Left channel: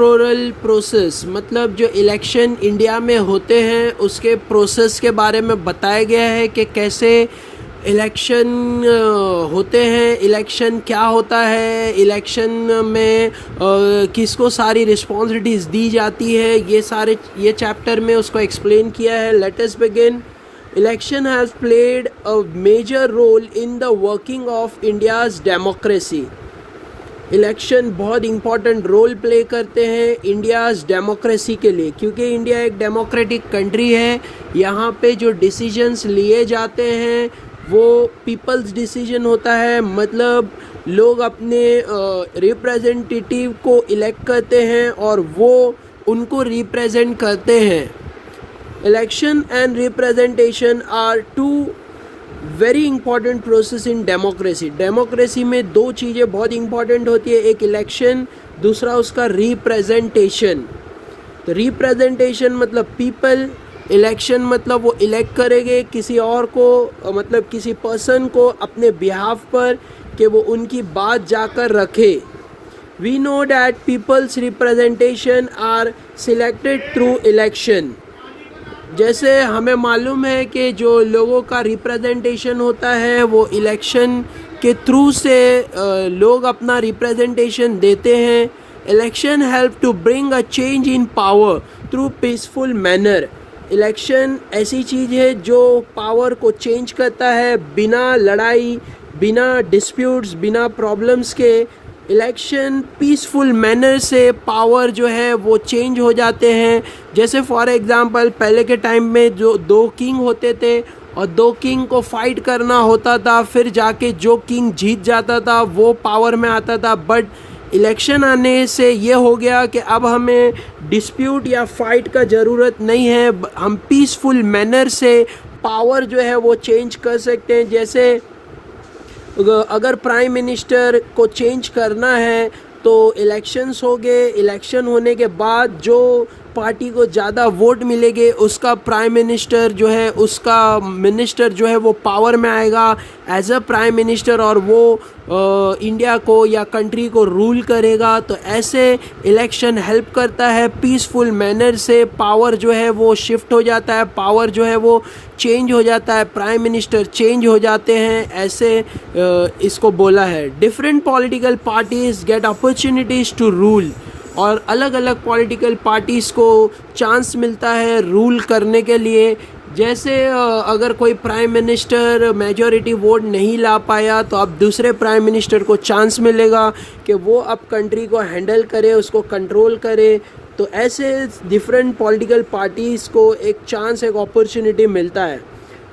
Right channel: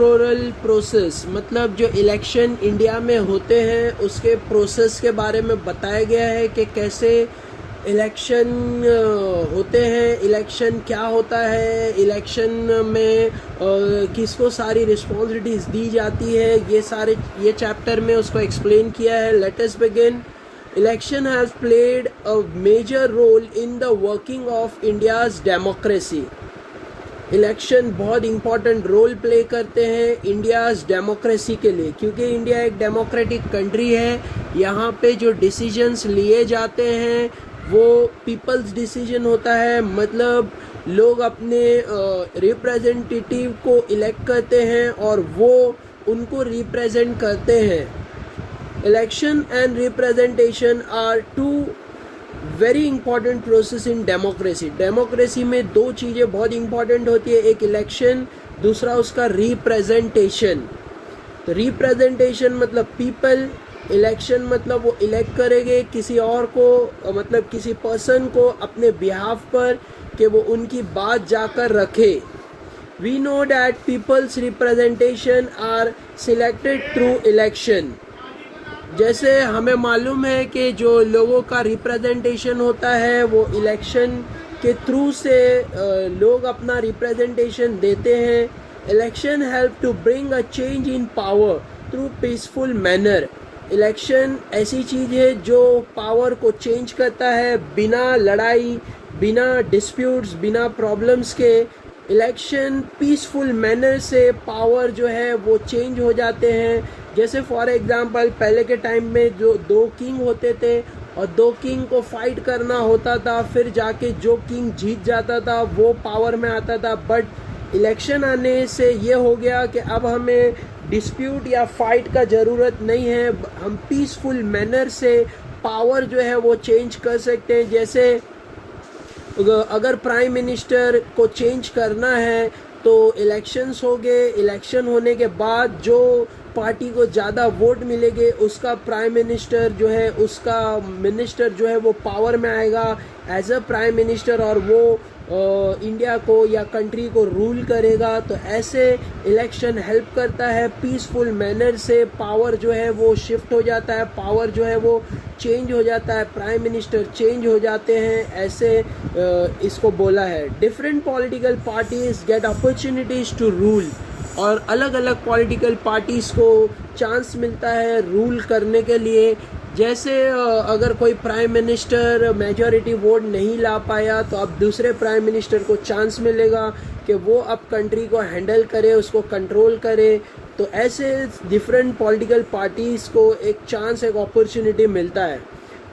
Electoral process मतलब जो election India में होते हैं उसके प्रोसेस के बारे में बताया गया है कि कैसे इलेक्शन होते हैं, इलेक्शन क्या होता है, इलेक्शन में किसको सारी रिस्पॉन्सिबिलिटीज़ दी जाती है, ये चैप्टर में उसको एक्सप्लेन किया है। Let us begin. Election has played a major role in the working of India's democracy. Election बहुत इम्पॉर्टेंट रोल प्ले करते हैं इंडियाज़ डेमोक्रेसी के लिए, क्योंकि इंडिया एक डेमोक्रेटिक कंट्री है। यहाँ पे जो डिसीजंस लिए जाते हैं वो पीपल्स डिसीजन होता है, मतलब लोग अपने रिप्रेजेंटेटिव को इलेक्ट करते हैं और वो उनको रिप्रेजेंट करते हैं। Election and representation are two very important process in democracy. Democracy में दो चीज़ें बहुत इंपॉर्टेंट होती है, एक इलेक्शन, दूसरा उसका रिप्रेजेंटेशन। तो रिप्रेजेंटेशन मतलब पीपल, इलेक्शन मतलब वो इलेक्ट करेंगे किसी और को, मतलब किसी पर्सन को अपने बिहाफ पर कि वो उनकी बात जाकर रखे। We know that people's representation are selected through election. जैसे हमें मालूम है कि जो लोगों का रिप्रेजेंटेशन होता है वो इलेक्शन के थ्रू से लोग अपना रिप्रेजेंटेशन देते हैं। Election help to bring a change in power through peaceful manner. Election ऐसी चीज़ है जो पावर को चेंज करता है बिना लड़ाई, बिना डिस्प्यूट्स, बिना प्रॉब्लम्स के। इलेक्शन पीसफुल मैनर से पावर जो है वो चेंज हो जाते हैं। जैसे फॉर एग्जांपल पहले के टाइम में जो दो किंग होते थे और दो किंग को फाइट करना होता था, फिर जाके जो किंग जीत जाता था वो पावर में आता था। बट इलेक्शन आने से ये हो गया कि अब हमें डिस्प्यूट या फाइट का ज़रूरत नहीं है, हम पीसफुल मैनर से पावर जो है वो चेंज कर सकते हैं। जैसे अगर प्राइम मिनिस्टर को चेंज करना है तो इलेक्शंस हो गए, इलेक्शन होने के बाद जो पार्टी को ज़्यादा वोट मिलेंगे उसका प्राइम मिनिस्टर जो है, उसका मिनिस्टर जो है वो पावर में आएगा एज अ प्राइम मिनिस्टर और वो इंडिया को या कंट्री को रूल करेगा। तो ऐसे इलेक्शन हेल्प करता है, पीसफुल मैनर से पावर जो है वो शिफ्ट हो जाता है, पावर जो है वो चेंज हो जाता है, प्राइम मिनिस्टर चेंज हो जाते हैं, ऐसे इसको बोला है। Different political parties get opportunities to rule, और अलग अलग पॉलिटिकल पार्टीज़ को चांस मिलता है रूल करने के लिए। जैसे अगर कोई प्राइम मिनिस्टर मेजॉरिटी वोट नहीं ला पाया तो अब दूसरे प्राइम मिनिस्टर को चांस मिलेगा कि वो अब कंट्री को हैंडल करे, उसको कंट्रोल करे। तो ऐसे डिफरेंट पॉलिटिकल पार्टीज़ को एक चांस, एक अपॉर्चुनिटी मिलता है।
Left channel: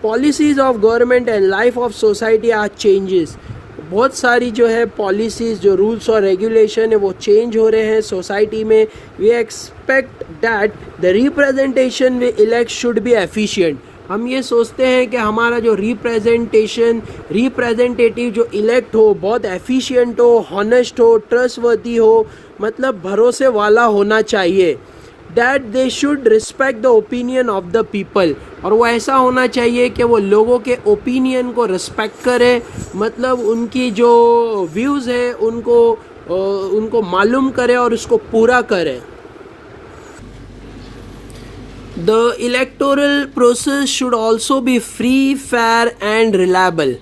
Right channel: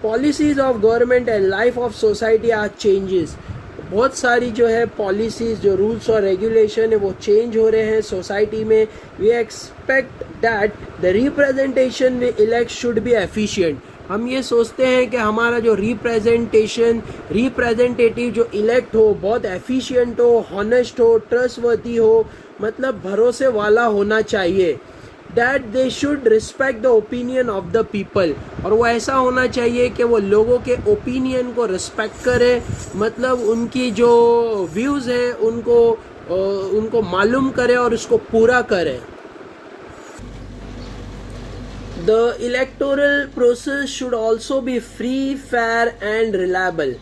Policies of government and life of society are changes. बहुत सारी जो है पॉलिसीज़, जो रूल्स और रेगुलेशन है वो चेंज हो रहे हैं सोसाइटी में। We expect that the representation we elect should be efficient. हम ये सोचते हैं कि हमारा जो रिप्रेजेंटेटिव जो इलेक्ट हो बहुत एफिशिएंट हो, हॉनेस्ट हो, ट्रस्टवर्दी हो, मतलब भरोसे वाला होना चाहिए। That they should respect the opinion of the people, और वो ऐसा होना चाहिए कि वो लोगों के ओपिनियन को रिस्पेक्ट करे, मतलब उनकी जो व्यूज़ है उनको मालूम करे और उसको पूरा करे। The electoral process should also be free, fair and reliable.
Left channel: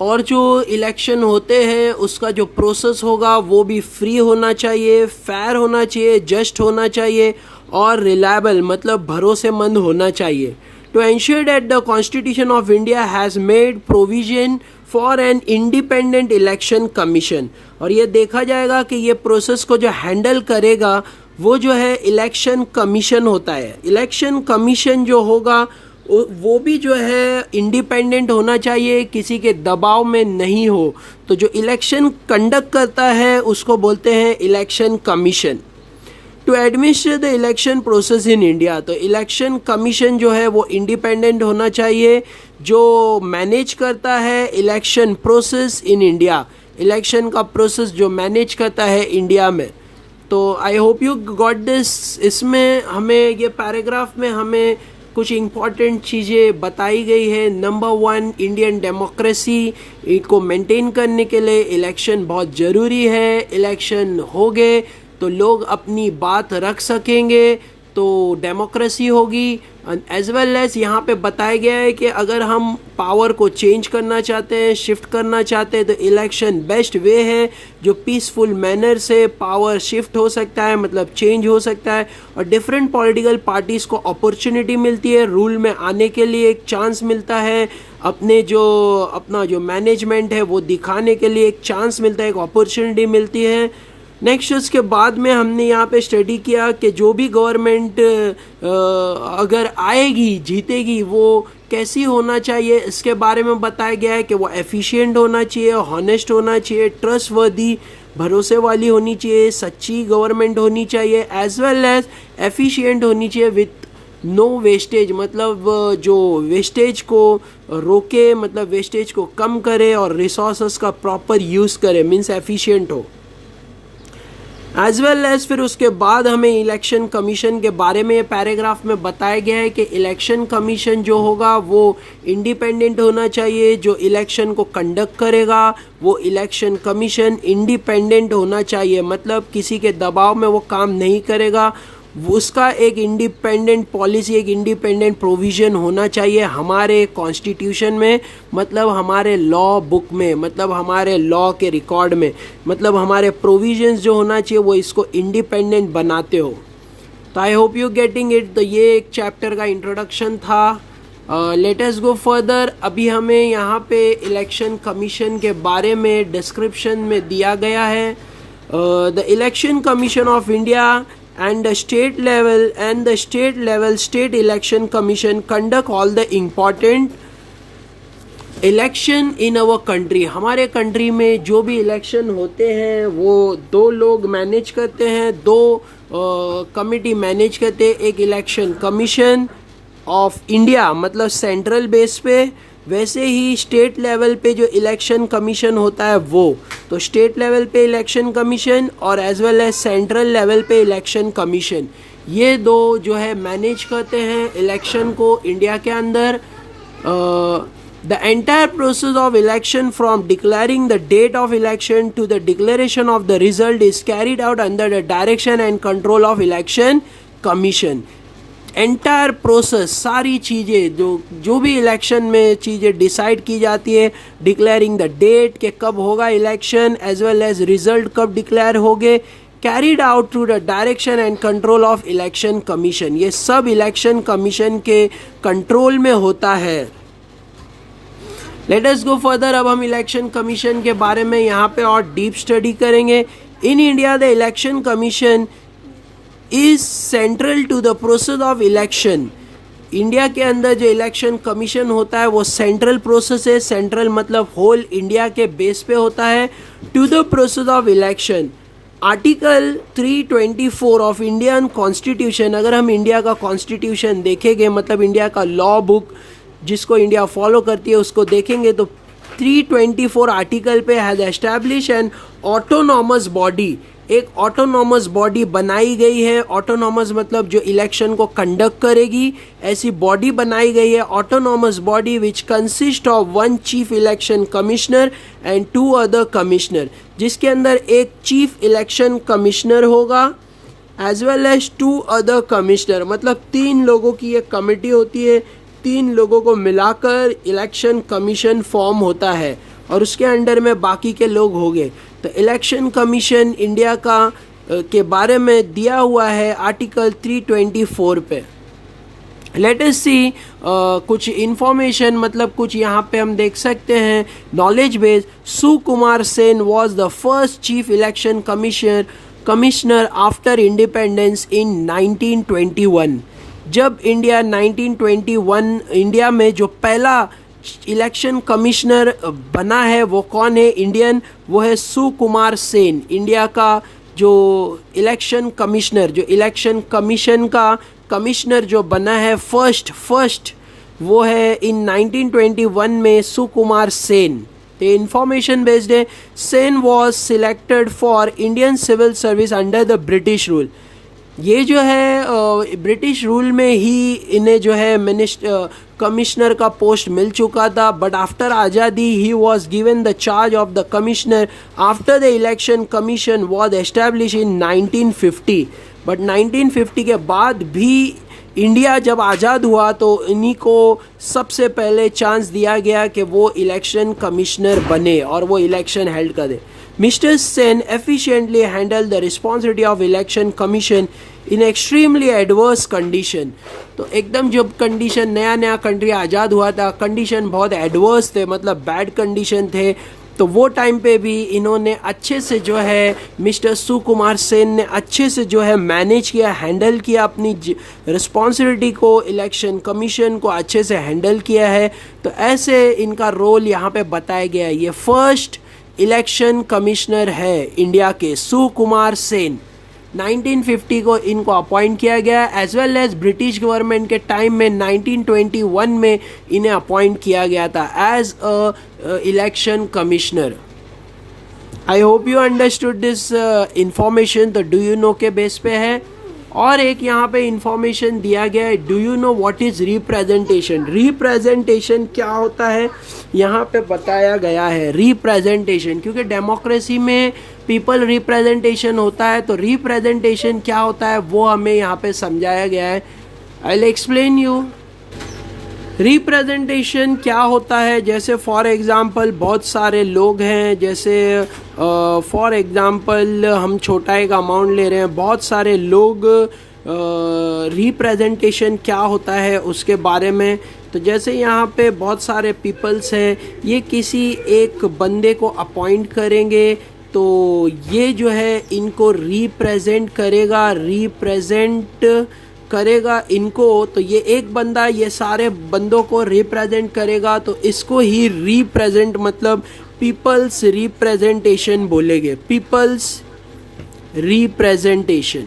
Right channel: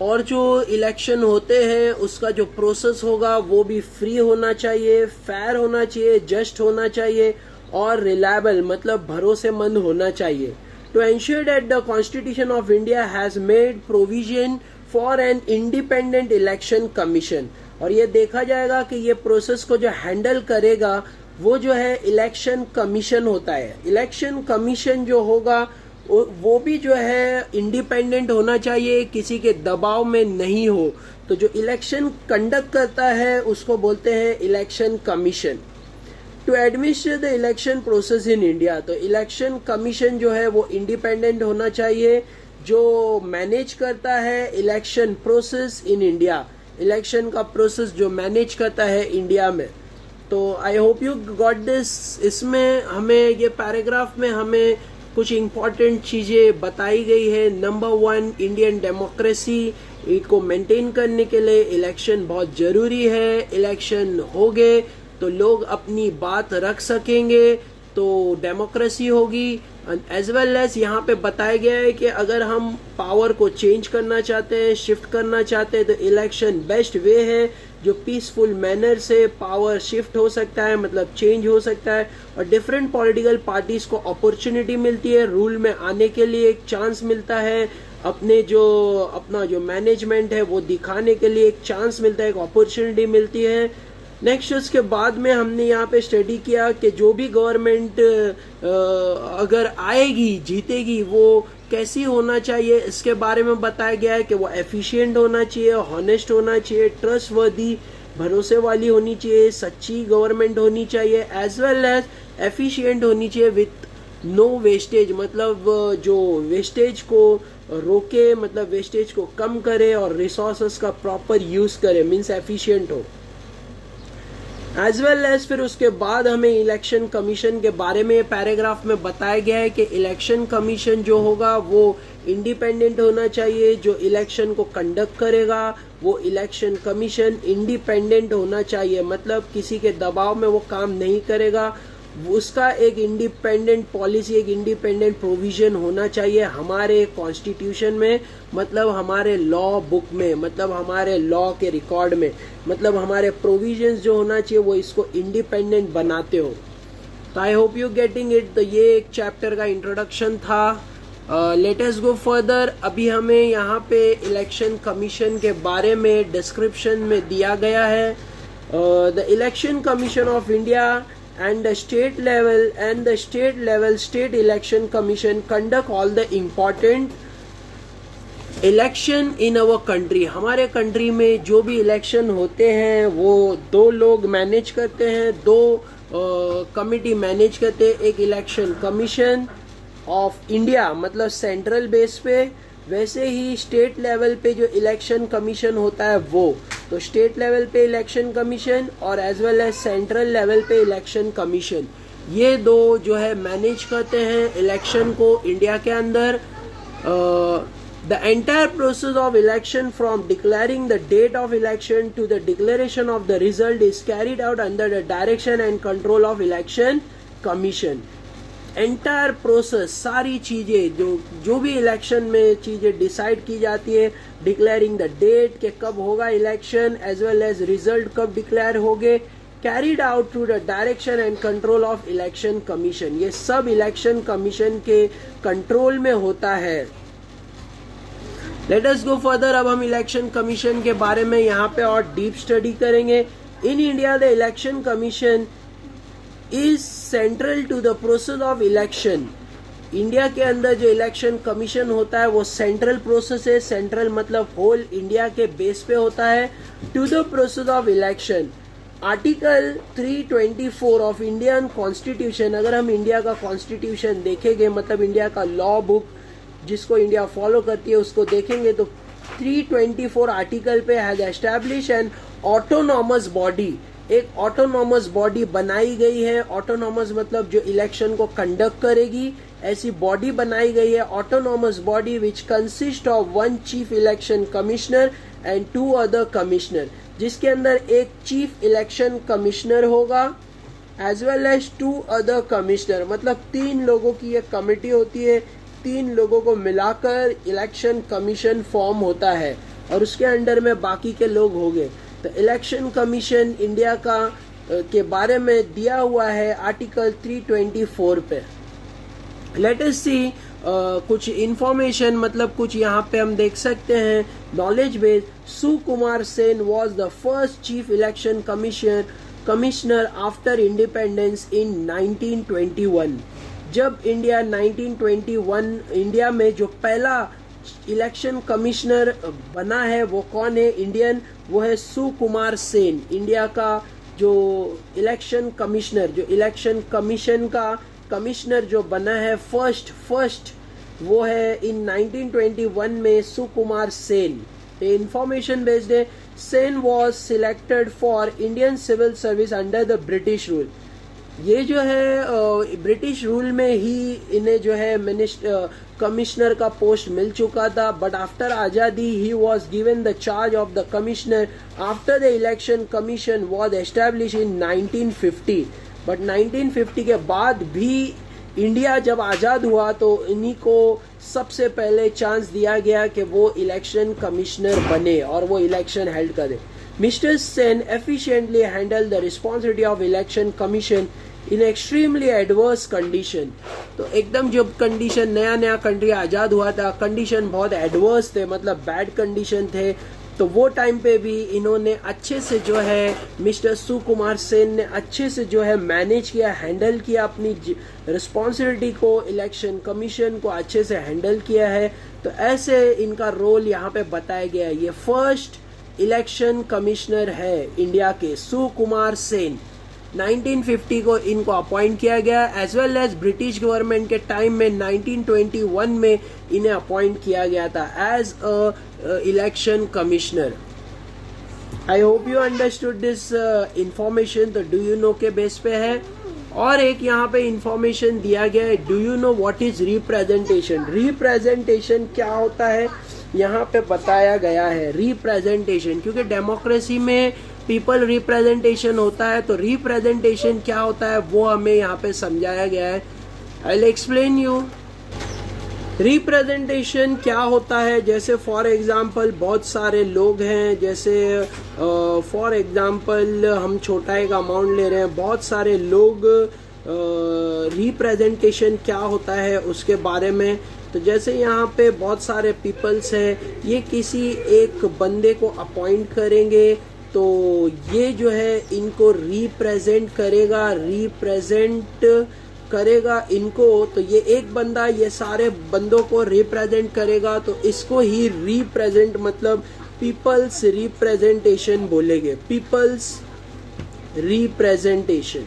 और जो इलेक्शन होते हैं उसका जो प्रोसेस होगा वो भी फ्री होना चाहिए, फेयर होना चाहिए, जस्ट होना चाहिए और रिलायबल मतलब भरोसेमंद होना चाहिए। To ensure that the constitution of India has made provision for an independent election commission, और ये देखा जाएगा कि ये प्रोसेस को जो हैंडल करेगा वो जो है इलेक्शन कमीशन होता है। इलेक्शन कमीशन जो होगा वो भी जो है इंडिपेंडेंट होना चाहिए, किसी के दबाव में नहीं हो। तो जो इलेक्शन कंडक्ट करता है उसको बोलते हैं election commission. To administer the election process in India, तो इलेक्शन कमीशन जो है वो इंडिपेंडेंट होना चाहिए, जो मैनेज करता है election process in India, election का प्रोसेस जो मैनेज करता है इंडिया में। तो आई होप यू गॉट दिस। इसमें हमें ये पैराग्राफ में हमें कुछ इम्पॉर्टेंट चीज़ें बताई गई है। नंबर 1, इंडियन डेमोक्रेसी को मेंटेन करने के लिए इलेक्शन बहुत ज़रूरी है। इलेक्शन हो गए तो लोग अपनी बात रख सकेंगे, तो डेमोक्रेसी होगी। एज वेल एज यहाँ पे बताया गया है कि अगर हम पावर को चेंज करना चाहते हैं, शिफ्ट करना चाहते हैं, तो इलेक्शन बेस्ट वे है जो पीसफुल मैनर से पावर शिफ्ट हो सकता है, मतलब चेंज हो सकता है, और डिफरेंट पॉलिटिकल पार्टीज़ को अपॉर्चुनिटी मिलती है, रूल में आने के लिए एक चांस मिलता है, अपना जो मैनेजमेंट है वो दिखाने के लिए एक चांस मिलता है, एक अपॉर्चुनिटी मिलती है। नेक्स्ट उसके बाद में हमने यहाँ पे स्टडी किया कि जो भी गवर्नमेंट अगर आएगी, जीतेगी, वो कैसी होना चाहिए, इसके बारे में बताया गया है कि वो एफिशिएंट होना चाहिए, हॉनेस्ट होना चाहिए, ट्रस्टवर्दी, भरोसे वाली होनी चाहिए, सच्ची गवर्नमेंट होनी चाहिए, एज वेल एज एफिशिएंट होनी चाहिए विथ नो वेस्टेज, मतलब जो वेस्टेज को रोके, मतलब वेस्टेज को कम करे और रिसोर्सेस का प्रॉपर यूज़ करे, मीन्स एफिशिएंट हो। एज वेल एज फिर उसके बाद हमें इलेक्शन कमीशन के बारे में पैराग्राफ में बताया गया है कि इलेक्शन कमीशन जो होगा वो इंडिपेंडेंट होना चाहिए, जो इलेक्शन को कंडक्ट करेगा वो इलेक्शन कमीशन इंडिपेंडेंट होना चाहिए, मतलब किसी के दबाव में वो काम नहीं करेगा, उसका एक इंडिपेंडेंट पॉलिसी, एक इंडिपेंडेंट प्रोविज़न होना चाहिए हमारे कॉन्स्टिट्यूशन में, मतलब हमारे लॉ बुक में, मतलब हमारे लॉ के रिकॉर्ड में, मतलब हमारे प्रोविजंस जो होना चाहिए वो इसको इंडिपेंडेंट बनाते हो। तो आई होप यू गेटिंग इट। तो ये एक चैप्टर का इंट्रोडक्शन था। Late us go further. अभी हमें यहाँ पे इलेक्शन कमीशन के बारे में डिस्क्रिप्शन में दिया गया है। The election commission of India and the state level state election commission conduct all the important election in our country। हमारे कंट्री में जो भी इलेक्शन होते हैं वो दो लोग मैनेज करते हैं, दो कमिटी मैनेज करते हैं, एक इलेक्शन कमीशन ऑफ इंडिया मतलब सेंट्रल बेस पे, वैसे ही स्टेट लेवल पे जो इलेक्शन कमीशन होता है वो, तो स्टेट लेवल पे इलेक्शन कमीशन और as well as central level पे इलेक्शन कमीशन, ये दो जो है मैनेज करते हैं इलेक्शन को इंडिया के अंदर। The entire process of election from declaring the date of election to the declaration of the result is carried out under the direction and control of election commission. Entire process, सारी चीज़ें जो भी election में चीज़ें decide की जाती है, declaring the date के कब होगा election, as well as result कब डिक्लेयर होंगे, carried out through the direction and control of election commission, ये सब इलेक्शन कमीशन के कंट्रोल में होता है। Let us go further. अब हम इलेक्शन कमीशन के बारे में यहाँ पे और डीप स्टडी करेंगे। In India the election commission is central to the process of election. India के अंदर जो इलेक्शन कमीशन होता है वो सेंट्रल प्रोसेस है, सेंट्रल मतलब होल इंडिया के बेस पे होता है, to the process of election. Article 324 of Indian constitution, अगर हम इंडिया का कॉन्स्टिट्यूशन देखेंगे, मतलब इंडिया का लॉ बुक जिसको इंडिया फॉलो करती है उसको देखेंगे, तो 324 आर्टिकल पे has establish N autonomous body, एक ऑटोनॉमस बॉडी बनाई गई है। ऑटोनॉमस मतलब जो इलेक्शन को कंडक्ट करेगी, ऐसी बॉडी बनाई गई है, autonomous body which consist of one chief election commissioner and 2 other commissioner, जिसके अंदर एक चीफ इलेक्शन कमिश्नर होगा as well as 2 other commissioner, मतलब 3 लोगों की एक कमेटी होती है, 3 लोगों को मिलाकर इलेक्शन कमीशन फॉर्म होता है और उसके अंडर में बाकी के लोग होंगे। तो इलेक्शन कमीशन इंडिया का के बारे में दिया हुआ है आर्टिकल 324 पे। लेट अस सी कुछ इंफॉर्मेशन, मतलब कुछ यहाँ पे हम देख सकते हैं knowledge base. Sukumar Sen was the first chief election commissioner after independence in 1921। जब इंडिया 1921 इंडिया में जो पहला इलेक्शन कमिश्नर बना है वो कौन है इंडियन, वो है सुकुमार सेन। इंडिया का जो इलेक्शन कमिश्नर, जो इलेक्शन कमीशन का कमिश्नर जो बना है फर्स्ट वो है इन 1921 में सुकुमार सेन। ये इंफॉर्मेशन बेस्ड है। Sen was selected for Indian civil service under the British rule. ये जो है ब्रिटिश रूल में ही इन्हें जो है कमिश्नर का पोस्ट मिल चुका था, बट आफ्टर आज़ादी he was given the charge of the commissioner after the election commission was establish in 1950। But 1950 के बाद भी इंडिया जब आज़ाद हुआ तो इन्हीं को सबसे पहले चांस दिया गया कि वो इलेक्शन कमिश्नर बने और वो इलेक्शन हेल्ड करे। Mister Sen efficiently handle the responsibility of election commission in extremely adverse condition. तो एकदम जब कंडीशन नया नया कंट्री आज़ाद हुआ था, कंडीशन बहुत एडवर्स थे, मतलब बैड कंडीशन थे, तो वो टाइम पे भी इन्होंने अच्छे से जो है मिस्टर सुकुमार सेन ने अच्छे से जो है मैनेज किया, हैंडल किया अपनी रिस्पॉन्सिबिलिटी को, इलेक्शन कमीशन को अच्छे से हैंडल किया है। तो ऐसे इनका रोल यहाँ पे बताया गया है। ये फर्स्ट इलेक्शन कमिश्नर है इंडिया के, सुकुमार सेन। 1950 को इनको अपॉइंट किया गया, as well as British government के टाइम में 1921 में इन्हें अपॉइंट किया गया था as a election commissioner. I hope you understood this information. तो डू यू नो के बेस पे है। और एक यहाँ पे इंफॉर्मेशन दिया गया है, do you know what is representation. Representation क्या होता है यहाँ पे बताया गया है। रिप्रेजेंटेशन, क्योंकि डेमोक्रेसी में पीपल रिप्रेजेंटेशन होता है, तो रिप्रेजेंटेशन क्या होता है वो हमें यहाँ पे समझाया गया है। I will explain you. Representation क्या होता है, जैसे फॉर एग्जांपल बहुत सारे लोग हैं, जैसे फॉर एग्जांपल हम छोटा एक अमाउंट ले रहे हैं, बहुत सारे लोग, रिप्रेजेंटेशन क्या होता है उसके बारे में। तो जैसे यहाँ पे बहुत सारे पीपल्स हैं, ये किसी एक बंदे को अपॉइंट करेंगे, तो ये जो है इनको रिप्रेजेंट करेगा इनको। तो ये एक बंदा ये सारे बंदों को रिप्रेजेंट करेगा, तो इसको ही रिप्रेजेंट मतलब पीपल्स रिप्रेजेंटेशन बोलेंगे, पीपल्स रिप्रेजेंटेशन।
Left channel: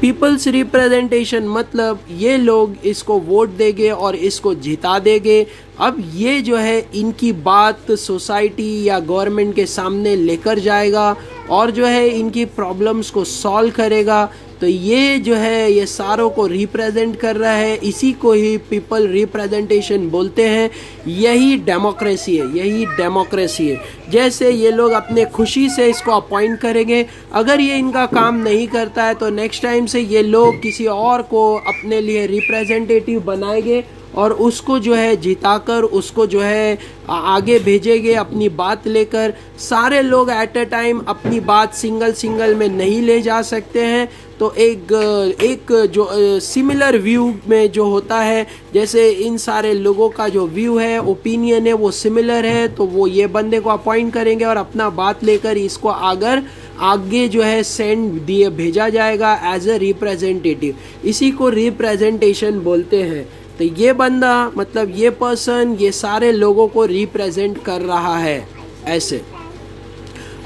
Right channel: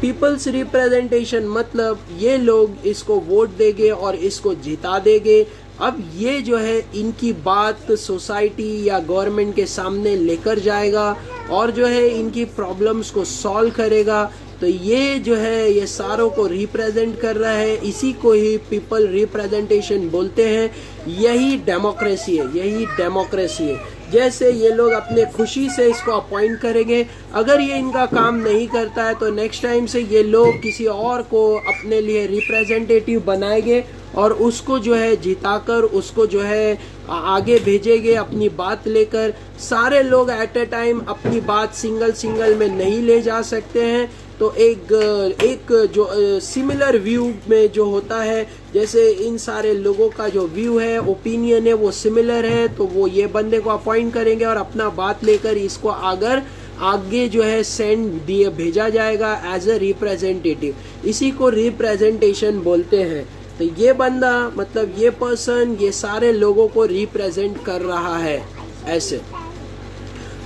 पीपल्स रिप्रेजेंटेशन मतलब ये लोग इसको वोट देंगे और इसको जिता देंगे। अब ये जो है इनकी बात सोसाइटी या गवर्नमेंट के सामने लेकर जाएगा और जो है इनकी प्रॉब्लम्स को सॉल्व करेगा। तो ये जो है ये सारों को रिप्रेजेंट कर रहा है, इसी को ही पीपल रिप्रेजेंटेशन बोलते हैं। यही डेमोक्रेसी है, यही डेमोक्रेसी है। जैसे ये लोग अपने खुशी से इसको अपॉइंट करेंगे, अगर ये इनका काम नहीं करता है तो नेक्स्ट टाइम से ये लोग किसी और को अपने लिए रिप्रेजेंटेटिव बनाएंगे और उसको जो है जिताकर उसको जो है आगे भेजेंगे अपनी बात लेकर। सारे लोग एट अ टाइम अपनी बात सिंगल में नहीं ले जा सकते हैं, तो एक जो सिमिलर व्यू में जो होता है, जैसे इन सारे लोगों का जो व्यू है, ओपिनियन है, वो सिमिलर है, तो वो ये बंदे को अपॉइंट करेंगे और अपना बात लेकर इसको आगे जो है भेजा जाएगा एज ए रिप्रेजेंटेटिव। इसी को रिप्रेजेंटेशन बोलते हैं। तो ये बंदा मतलब ये पर्सन ये सारे लोगों को रिप्रेजेंट कर रहा है। ऐसे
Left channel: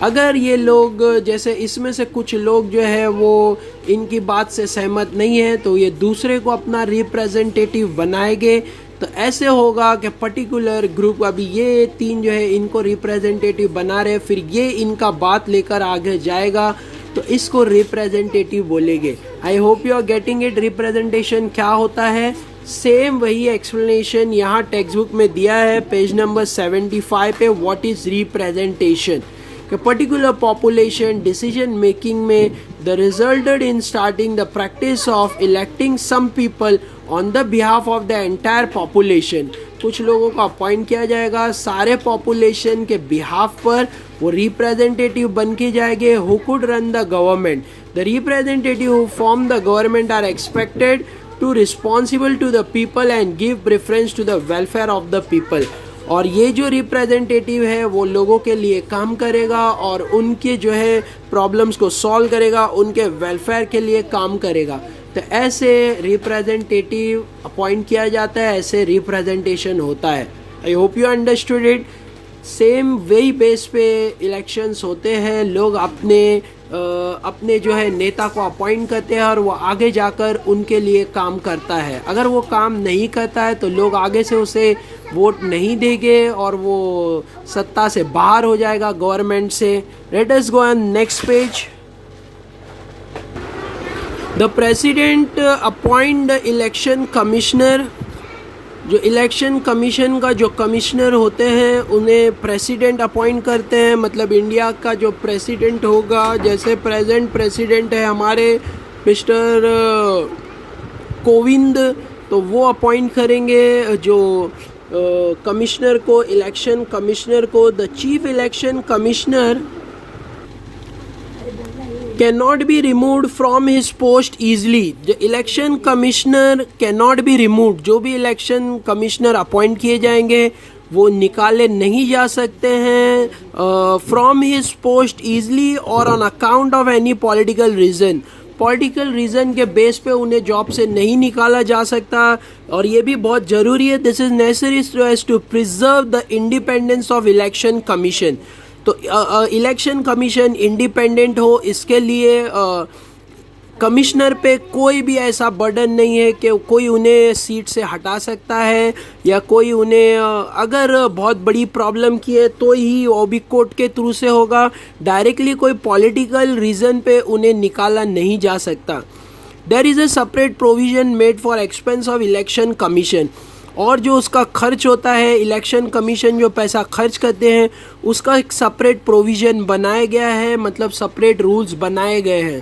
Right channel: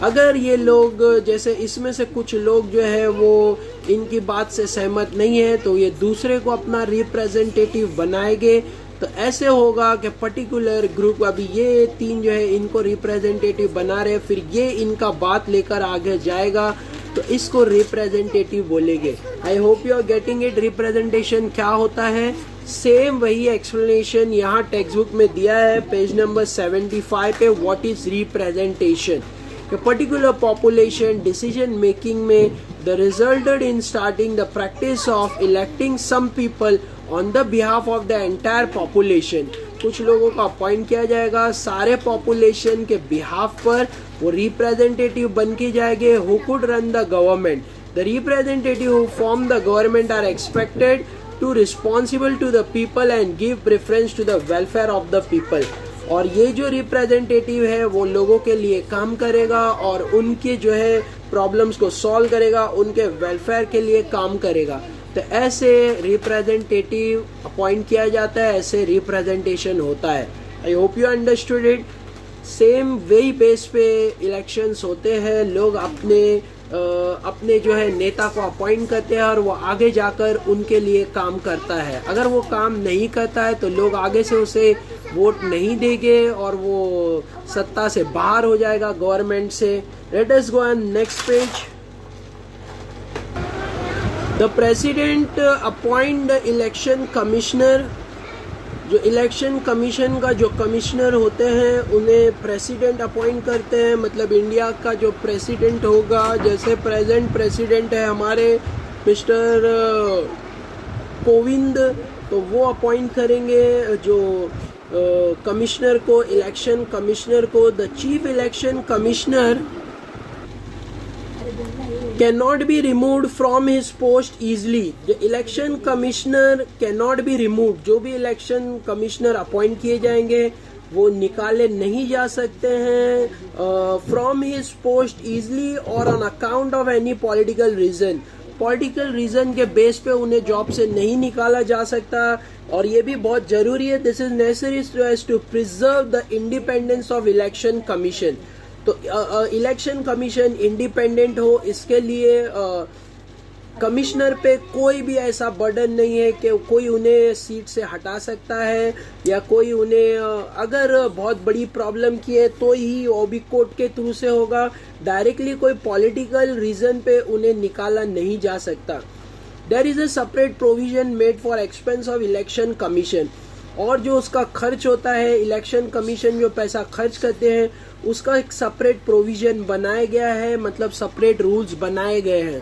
अगर ये लोग, जैसे इसमें से कुछ लोग जो है वो इनकी बात से सहमत नहीं है, तो ये दूसरे को अपना रिप्रेजेंटेटिव बनाएंगे। तो ऐसे होगा कि पर्टिकुलर ग्रुप, अभी ये तीन जो है इनको रिप्रेजेंटेटिव बना रहे, फिर ये इनका बात लेकर आगे जाएगा, तो इसको रिप्रेजेंटेटिव बोलेंगे। I hope you are getting it. Representation क्या होता है, सेम वही एक्सप्लेनेशन यहाँ टेक्स्ट बुक में दिया है, पेज नंबर 75 पे। What is representation? Particular population decision making में the resulted in starting the practice of electing some people on the behalf of the entire population. कुछ लोगों को अपॉइंट किया जाएगा सारे पॉपुलेशन के बिहाफ पर, वो रिप्रेजेंटेटिव बन के जाएंगे who could run the government. The representative who form the government are expected to responsible to the people and give preference to the welfare of the people. और ये जो रिप्रेजेंटेटिव है वो लोगों के लिए काम करेगा और उनके जो है प्रॉब्लम्स को सॉल्व करेगा, उनके वेलफेयर के लिए काम करेगा। तो ऐसे रिप्रेजेंटेटिव अपॉइंट किया जाता है, ऐसे रिप्रेजेंटेशन होता है। I hope you understood it. Same वही बेस पे इलेक्शंस होते हैं, लोग अपने जो है नेता को अपॉइंट करते हैं और वो आगे जाकर उनके लिए काम करता है। अगर वो काम नहीं करता है तो लोग आगे से उसे वोट नहीं देंगे और वो सत्ता से बाहर हो जाएगा, गवर्नमेंट से। Let us go on next page. The president appoint the election commissioner. जो इलेक्शन कमीशन का जो कमिश्नर होते हैं उन्हें प्रेसिडेंट अपॉइंट करते हैं। मतलब इंडिया का जो प्रेसिडेंट होगा, जैसे प्रेजेंट प्रेसिडेंट है हमारे मिस्टर कोविंद, तो वो अपॉइंट करेंगे जो कमिश्नर को, इलेक्शन कमिश्नर को। The chief election commissioner cannot be removed from his post easily। जो election commissioner cannot be removed, जो भी इलेक्शन कमिश्नर अपॉइंट किए जाएंगे वो निकाले नहीं जा सकते हैं फ्रॉम हिज पोस्ट ईजली और on account of any political reason. Political reason के बेस पे उन्हें जॉब से नहीं निकाला जा सकता। और ये भी बहुत ज़रूरी है, this is necessary so as to preserve the independence of election commission. तो इलेक्शन कमीशन इंडिपेंडेंट हो, इसके लिए कमिश्नर पे कोई भी ऐसा बर्डन नहीं है कि कोई उन्हें सीट से हटा सकता है, या कोई उन्हें अगर बहुत बड़ी प्रॉब्लम की है तो ही वो भी कोर्ट के थ्रू से होगा। डायरेक्टली कोई पॉलिटिकल रीज़न पे उन्हें निकाला नहीं जा सकता। There is a separate provision made for expense of election commission. और जो उसका खर्च होता है, इलेक्शन कमीशन जो पैसा खर्च करते हैं उसका एक सेपरेट प्रोविज़न बनाया गया है, मतलब सेपरेट रूल्स बनाए गए हैं।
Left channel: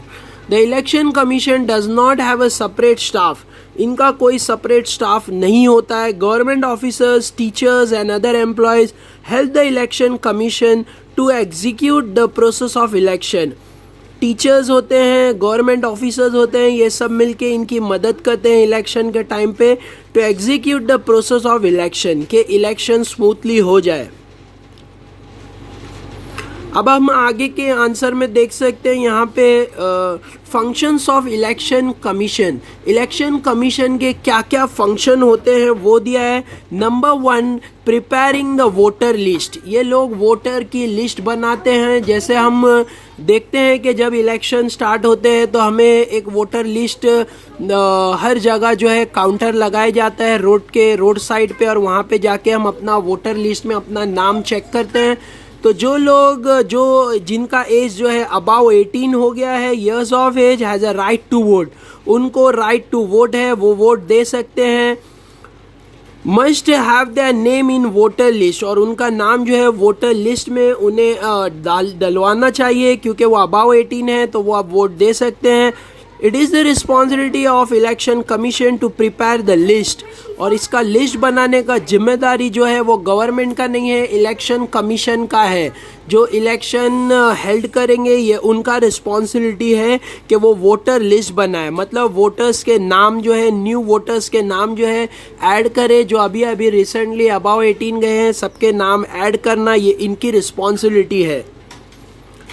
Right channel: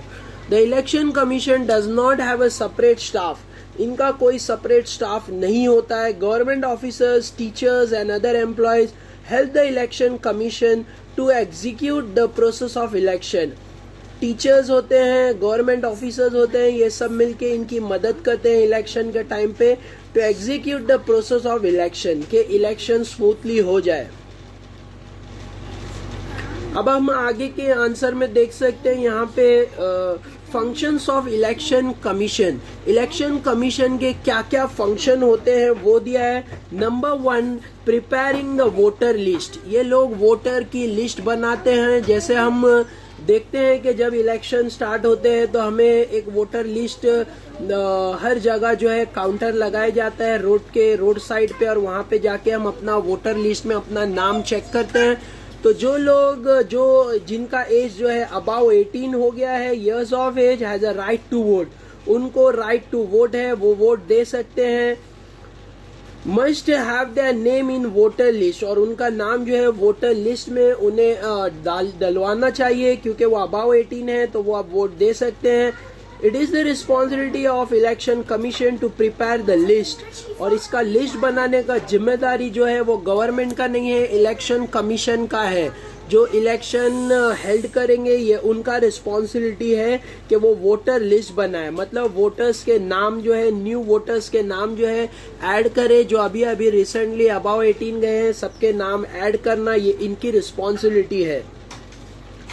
The election commission does not have a separate staff. इनका कोई सेपरेट स्टाफ नहीं होता है। Government officers, teachers and other employees help the election commission to execute the process of election. Teachers होते हैं, गवर्नमेंट ऑफिसर्स होते हैं, ये सब मिलके इनकी मदद करते हैं इलेक्शन के टाइम पे to execute the process of election, के इलेक्शन स्मूथली हो जाए। अब हम आगे के आंसर में देख सकते हैं यहाँ पे functions of election commission. Election commission के क्या क्या फंक्शन होते हैं वो दिया है। Number 1, preparing the voter list. ये लोग वोटर की लिस्ट बनाते हैं। जैसे हम देखते हैं कि जब इलेक्शन स्टार्ट होते हैं तो हमें एक वोटर लिस्ट हर जगह जो है काउंटर लगाया जाता है रोड साइड पे, और वहाँ पे जाके हम अपना वोटर लिस्ट में अपना नाम चेक करते हैं। तो जो लोग जिनका एज जो है अबाव 18 हो गया है, years of age, has a right to vote, उनको राइट टू वोट है, वो वोट दे सकते हैं। Must have their name in voter list, और उनका नाम जो है वोटर लिस्ट में उन्हें डलवाना चाहिए, क्योंकि वो अबाव 18 है तो वो आप वोट दे सकते हैं। It is the responsibility of election commission to prepare the list, और इसका लिस्ट बनाने का जिम्मेदारी जो है वो गवर्नमेंट का नहीं है, इलेक्शन कमीशन का है। जो इलेक्शन हेल्ड करेंगे ये उनका रिस्पॉन्सिबिलिटी है कि वो वोटर लिस्ट बनाए, मतलब वोटर्स के नाम जो है, न्यू वोटर्स के नाम जो है ऐड करे, जो अभी अभी रिसेंटली अबाव 18 गए हैं सबके नाम ऐड करना ये इनकी रिस्पॉन्सिबिलिटी है।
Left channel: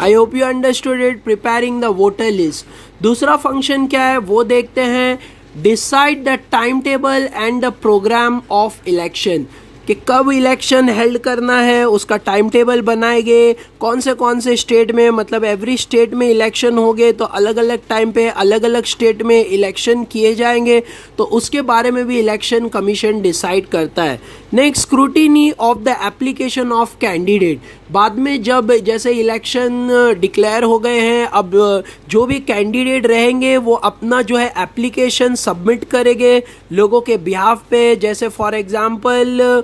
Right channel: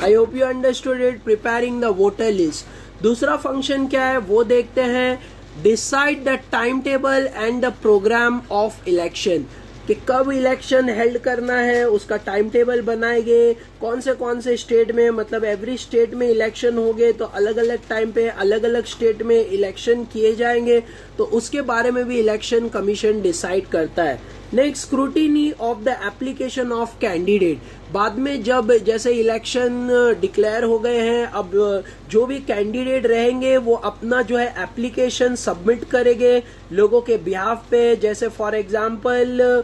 I hope you understood it, preparing the voter list. दूसरा फंक्शन क्या है वो देखते हैं। Decide the time table and the programme of election, कि कब इलेक्शन हेल्ड करना है उसका टाइम टेबल बनाएंगे। कौन से स्टेट में, मतलब एवरी स्टेट में इलेक्शन हो गए तो अलग अलग टाइम पे अलग अलग स्टेट में इलेक्शन किए जाएंगे, तो उसके बारे में भी इलेक्शन कमीशन डिसाइड करता है। Next, scrutiny of the application of candidate. बाद में जब जैसे इलेक्शन डिक्लेयर हो गए हैं, अब जो भी कैंडिडेट रहेंगे वो अपना जो है एप्लीकेशन सबमिट करेंगे लोगों के बिहाफ पे। जैसे फॉर एग्जांपल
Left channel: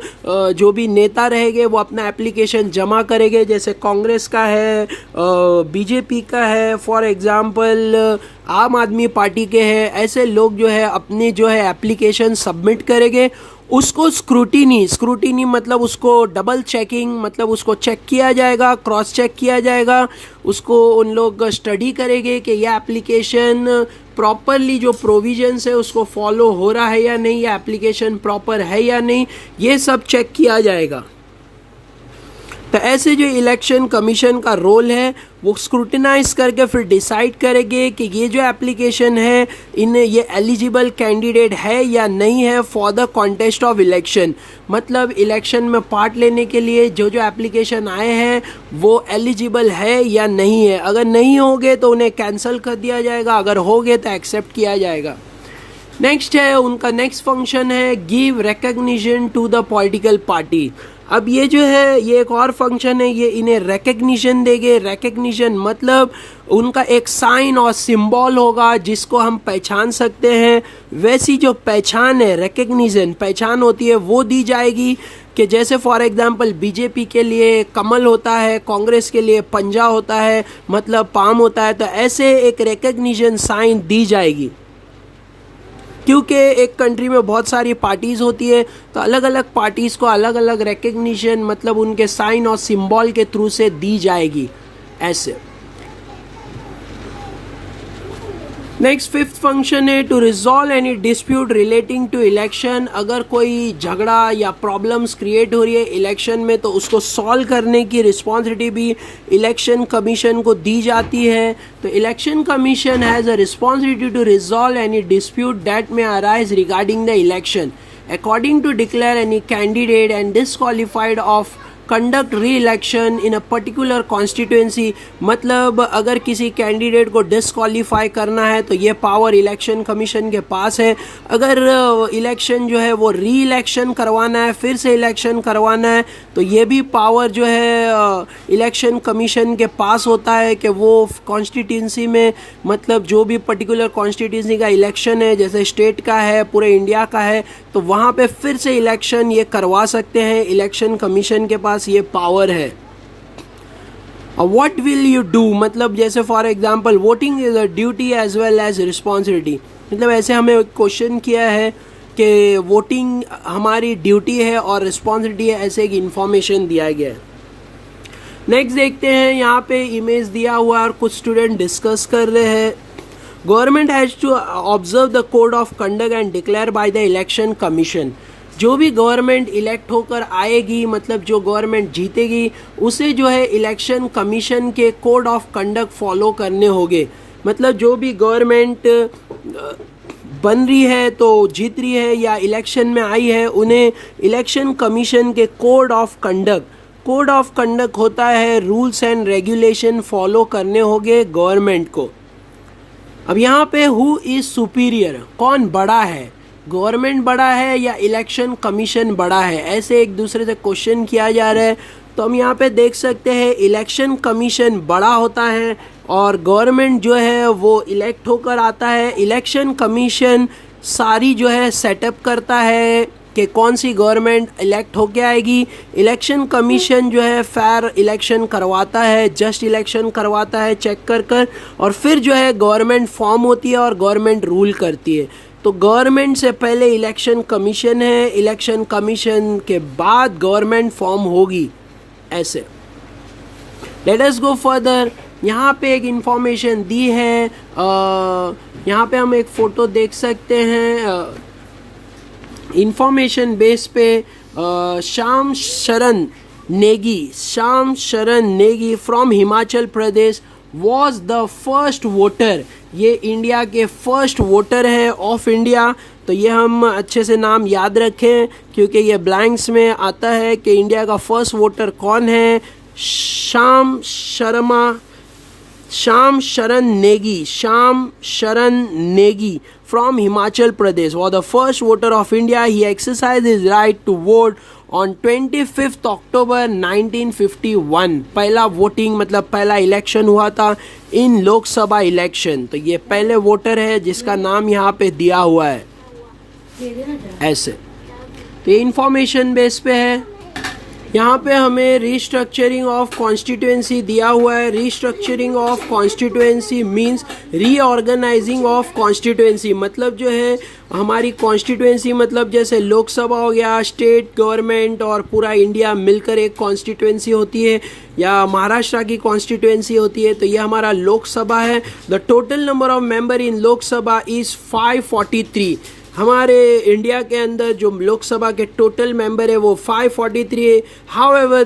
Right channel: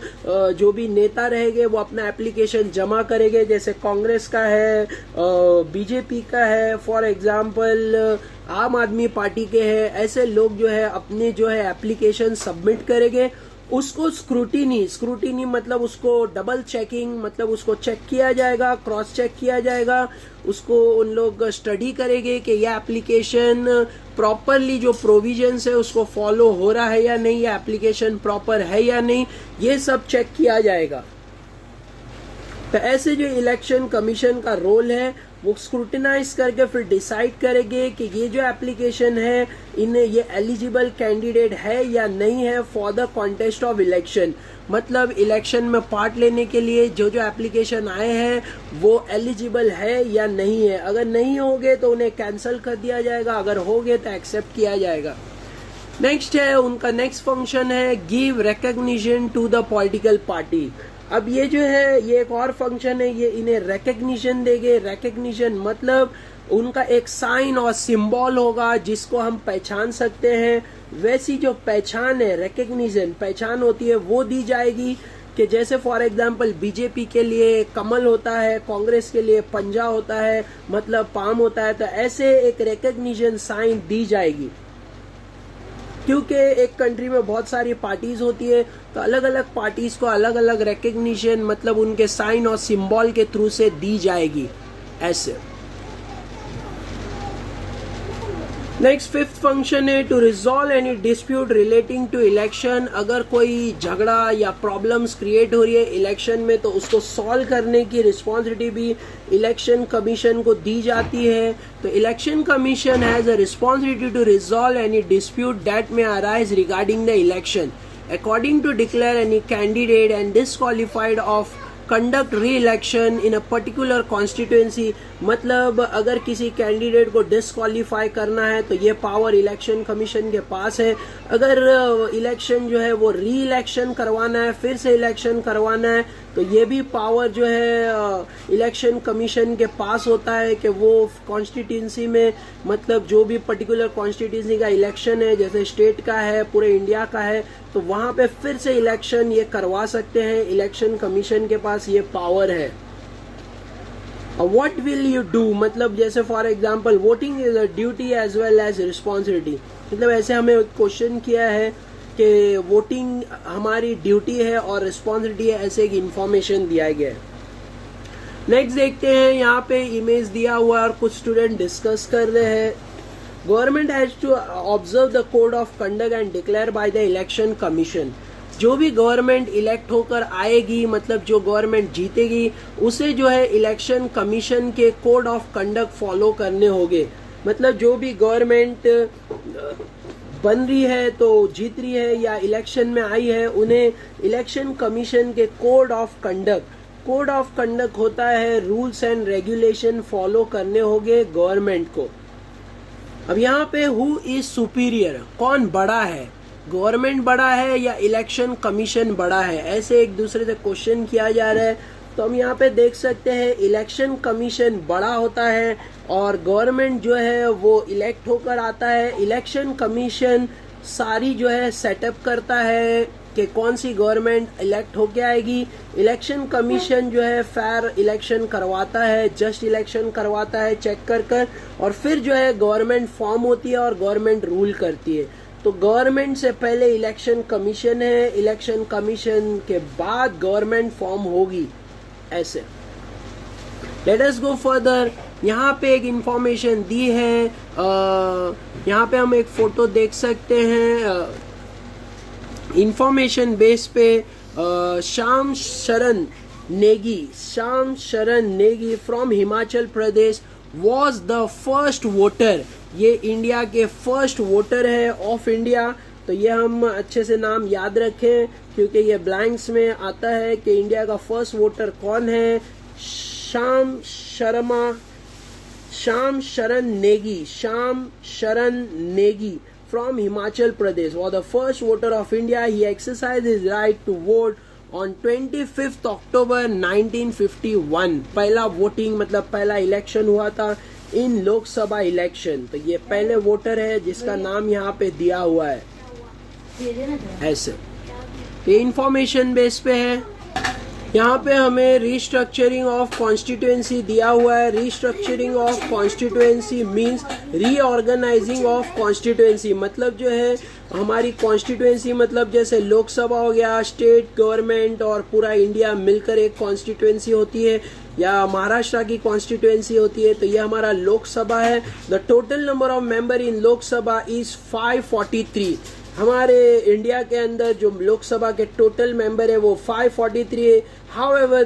जो भी नेता रहेंगे वो अपना एप्लीकेशन जमा करेंगे, जैसे कांग्रेस का है, बीजेपी का है, फॉर एग्जांपल आम आदमी पार्टी के हैं। ऐसे लोग जो है अपनी जो है एप्लीकेशन सबमिट करेंगे। उसको स्क्रूटिनी मतलब उसको डबल चेकिंग, मतलब उसको चेक किया जाएगा, क्रॉस चेक किया जाएगा। उसको उन लोग स्टडी करेंगे कि यह एप्लीकेशन प्रॉपरली जो प्रोविजंस है उसको फॉलो हो रहा है या नहीं, या एप्लीकेशन प्रॉपर है या नहीं, ये सब चेक किया जाएगा। तो ऐसे जो इलेक्शन कमीशन का रोल है वो स्क्रूटिनाइज करके फिर डिसाइड करेंगे कि ये जो एप्लीकेशन है इन्हें ये एलिजिबल कैंडिडेट है या नहीं है for the contest of election. मतलब इलेक्शन में पार्ट लेने के लिए जो एप्लीकेशन आए हैं वो एलिजिबल है या नहीं है। अगर नहीं होंगे तो उन्हें कैंसिल कर दिया जाएगा, अगर होंगे तो एक्सेप्ट किया जाएगा। नेक्स्ट है उनका नेक्स्ट फंक्शन है give recognition to the political party. अब ये जो है ये एक और फंक्शन है, ये इन्हें रिकग्निशन देंगे। रिकग्निशन मतलब उनका एक साइन और सिंबल होगा जिसको हम पहचान सकते हैं। वैसी जो पहचान है, रिकग्निशन पहचान होती है, वो दी जाएगी कि जैसे फॉर एग्जांपल बीजेपी के लिए कमल होता है, कांग्रेस के लिए पंजा होता है, मतलब पाम होता है, तो ऐसे एक रिकग्निशन साइन दी जाएगी। क्योंकि एक कंट्री में बहुत सारी पार्टीज़ होती है, तो अलग अलग पार्टीज़ को अलग अलग रिकग्निशन मतलब उनके साइन और सिंबल के थ्रू से दी जाएगी ऐसे। नेक्स्ट फिफ्थ फंक्शन है to resolve any dispute relating to election. अगर कोई झगड़ा या प्रॉब्लम्स क्रिएट हो रही है इलेक्शन में, तो उसको सॉल्व करने की रिस्पॉन्सिबिलिटी भी इलेक्शन कमीशन को दी जाती है। तो election commission has a responsibility to resolve any dispute that may arise regarding the election according to declare any candidate and disqualified of conduct re election in a particular constituency. मतलब अगर किसी candidate को disqualify करना है तो ये power election commission के पास है। अगर इलेक्शन जो है वो री इलेक्शन करवाना है, फिर से इलेक्शन करवाना है, तो ये भी पावर जो है इलेक्शन कमीशन के पास होता है कि वो कॉन्स्टिट्यूंसी में मतलब जो भी पर्टिकुलर कॉन्स्टिट्यूंसी का इलेक्शन है, जैसे स्टेट का है, पूरे इंडिया का है, तो वहाँ पे फिर से इलेक्शन ये करवा सकते हैं। इलेक्शन कमीशन के पास ये पावर है। व्हाट विल यू डू मतलब जैसे for example voting is a duty as well as responsibility. मतलब ऐसे हमें क्वेश्चन किया है कि वोटिंग हमारी ड्यूटी है और रिस्पॉन्सिबिलिटी है, ऐसे एक इंफॉर्मेशन दिया गया है। नेक्स्ट देखते हैं, यहाँ पे इमेज दिया हुआ और कुछ स्टूडेंट डिस्कस कर रहे हैं। Government has to observe the code of conduct and declare by the election commission. जो भी गवर्नमेंट इलेक्ट होकर आएगी, मतलब जो गवर्नमेंट जीतेगी, उसे जो है इलेक्शन कमीशन के कोड ऑफ कंडक्ट फॉलो करने होंगे। मतलब जो भी गवर्नमेंट बन रही है, तो जीत रही है या इलेक्शन में आई है, उन्हें इलेक्शन कमीशन के कोड ऑफ कंडक्ट होता है, रूल्स एंड रेगुलेशन फॉलो करने होंगे गवर्नमेंट को। अब यहाँ पे हु इज सुपीरियर, कौन बड़ा है, गवर्नमेंट बड़ा है या इलेक्शन कमीशन बड़ा है, ऐसे एक दूसरे से क्वेश्चन किया जा रहा है। तो हम यहाँ पे देख सकते हैं इलेक्शन कमीशन बड़ा होता है और गवर्नमेंट जो है वो इलेक्ट होकर आता है। इलेक्शन कमीशन सारी जो है सेटअप करता है कि कौन सी गवर्नमेंट इलेक्ट होके आएगी। इलेक्शन कमीशन जो है फेयर इलेक्शन करवाता है, जस्ट इलेक्शन करवाता है चेक कर और फिर जो है गवर्नमेंट फॉर्म होती है और गवर्नमेंट रूल करती है। तो गवर्नमेंट से पहले इलेक्शन कमीशन है, इलेक्शन कमीशन के बाद गवर्नमेंट फॉर्म होगी ऐसे। Late us go further. यहाँ पे एक इंफॉर्मेशन दी है, यहाँ पे हम एक फ़ोटो देख सकते हैं। इंफॉर्मेशन बेस पे श्याम शरण Negi from Himachal Pradesh was the first voter. ये इंडिया के फर्स्ट वोटर है ऑफ इंडिया। तो ये हम अच्छे से नाम याद रखें क्योंकि ये ब्लैंक्स में आता है कि इंडिया का फर्स्ट वोटर कौन है। श्याम शरण Negi from Himachal Pradesh was the first voter of India. He exercised his right to vote on 25th October 1951. पहला वोटिंग मतलब पहला इलेक्शन हुआ था इन लोकसभा इलेक्शन। तो ये पहले वोटर है जिसका नाम यहाँ पे दिया हुआ है ऐसे। ये इंफॉर्मेशन बेस पे है। यहाँ पे हमें रीस्ट्रक्चरिंग ऑफ कॉन्स्टिट्यूएंसी दिया हुआ है। Restructuring of constituency means reorganising of constituency. मतलब जो है हमारी कॉन्स्टिट्यूएंसी मतलब जैसे लोकसभा हो गया, स्टेट गवर्नमेंट और पूरा इंडिया मिलकर एक कॉन्स्टिट्यूएंसी होती है, या महाराष्ट्र की कॉन्स्टिट्यूएंसी होती है। तो ये हमारा लोकसभा है। The total number of member in Lok Sabha is 543। हमारे इंडिया के अंदर जो लोकसभा के टोटल मेंबर है वो 543 है। However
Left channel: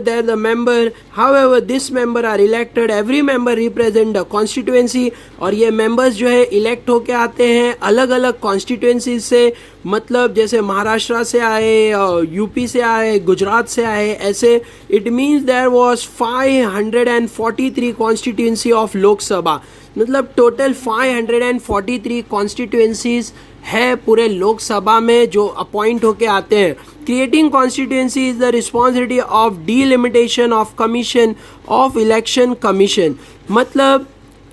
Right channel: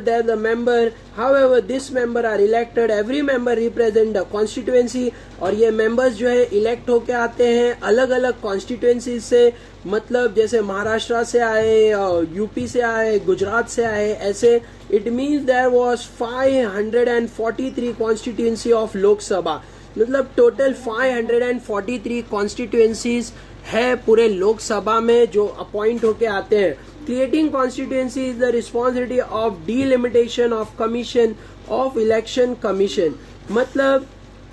this member are elected, every member represent the constituency. और ये मेंबर्स जो है इलेक्ट होके आते हैं अलग अलग कॉन्स्टिट्यूएंसी से। मतलब जैसे महाराष्ट्र से आए, यूपी से आए, गुजरात से आए, ऐसे। It means there was 543 constituency of Lok Sabha. मतलब टोटल 543 कॉन्स्टिट्यूएंसीज है पूरे लोकसभा में जो अपॉइंट होके आते हैं। creating constituency is the responsibility of delimitation of commission of election commission. मतलब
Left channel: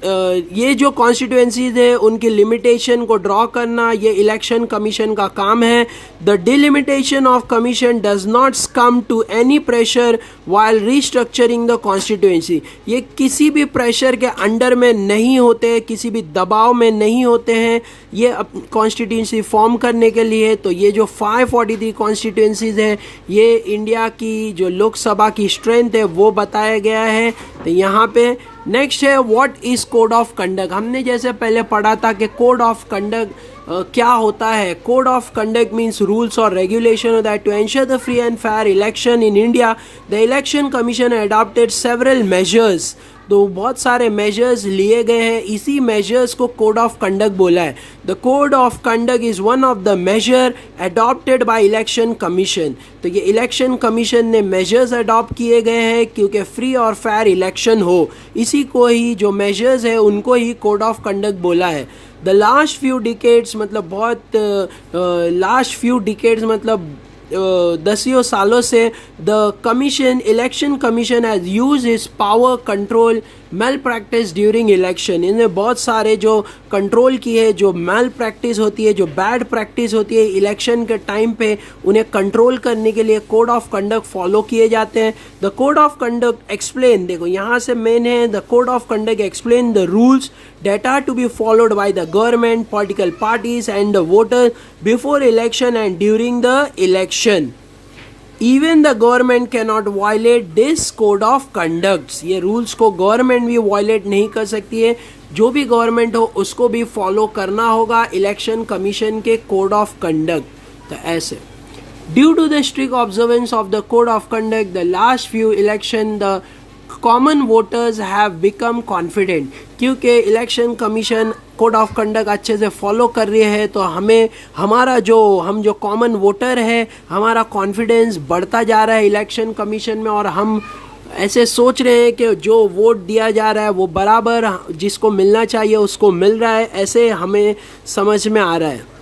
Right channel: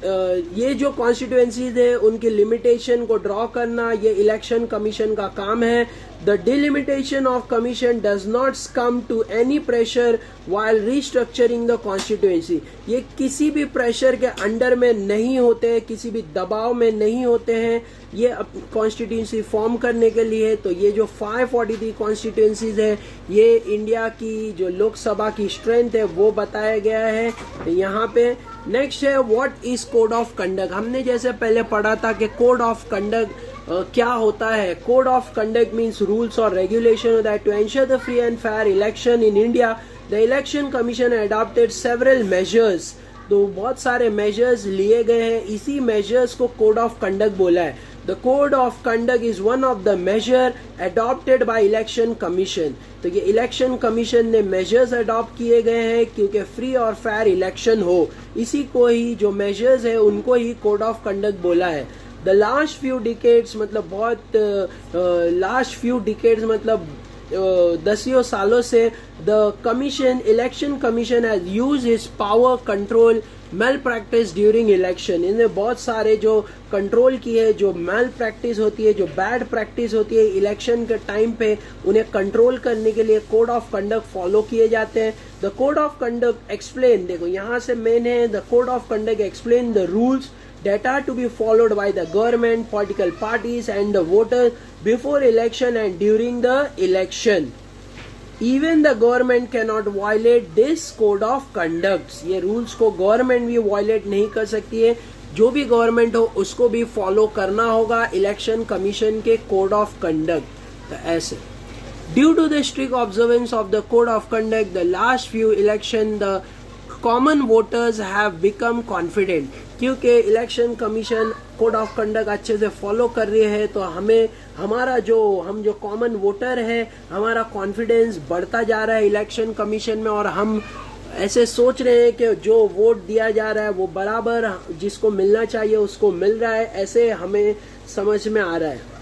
ये जो कॉन्स्टिट्यूएंसीज है उनकी लिमिटेशन को ड्रॉ करना ये इलेक्शन कमीशन का काम है. The delimitation of commission does not come to any pressure while restructuring the constituency. ये किसी भी प्रेशर के अंडर में नहीं होते, किसी भी दबाव में नहीं होते हैं ये कॉन्स्टिट्यूएंसी फॉर्म करने के लिए. तो ये जो 543 कॉन्स्टिट्यूएंसीज है ये इंडिया की जो लोकसभा की स्ट्रेंथ है वो बताया गया है. तो यहाँ पे नेक्स्ट है what is code of conduct. हमने जैसे पहले पढ़ा था कि कोड ऑफ कंडक्ट क्या होता है. Code of conduct means rules और regulation that to ensure the free and fair election in India the election commission adopted several measures. तो बहुत सारे मेजर्स लिए गए हैं, इसी मेजर्स को कोड ऑफ कंडक्ट बोला है. The code of conduct is one of the major adopted by election commission. तो ये इलेक्शन कमीशन ने मेजर्स अडॉप्ट किए गए हैं क्योंकि फ्री और फेयर इलेक्शन हो. इसी को ही जो मेजर्स है उनको ही कोड ऑफ कंडक्ट बोला है. द लास्ट फ्यू डिकेड्स मतलब बहुत लास्ट फ्यू डिकेड्स मतलब दसियों सालों से the commission election commission has use his power control malpractice during election. इन्हें बहुत सारे जो कंट्रोल किए, जो मेल प्रैक्टिस होती है, जो बैड प्रैक्टिस होती है इलेक्शन के टाइम पे उन्हें कंट्रोल करने के लिए कोड ऑफ कंडक्ट फॉलो किए जाते हैं. The code of conduct explain, देखो यहाँ से मेन है the code of conduct explain the rules that are to be followed by the government, political parties and the voters before election and during the election. Even the government cannot violate this code of conduct. ये rules को government भी violate नहीं कर सकती है. जो भी government हो उसको भी follow करना होगा election commission के code of conduct. तो ऐसे due to the strict observance of the code of conduct, the last few election the common voters have become confident. क्योंकि election commission code of conduct अच्छे से follow कर रही है तो हमें हमारा हम जो कॉमन वोटर है हमारा कॉन्फिडेंस बढ़ता जा रहा है इलेक्शन कमीशन में. और हम ऐसे सोच रहे हैं कि जो वोट दिया जा रहा है वो बराबर जिसको मिलना चाहिए उसको मिल रहा है, ऐसे हमें समझ में आ रहा है.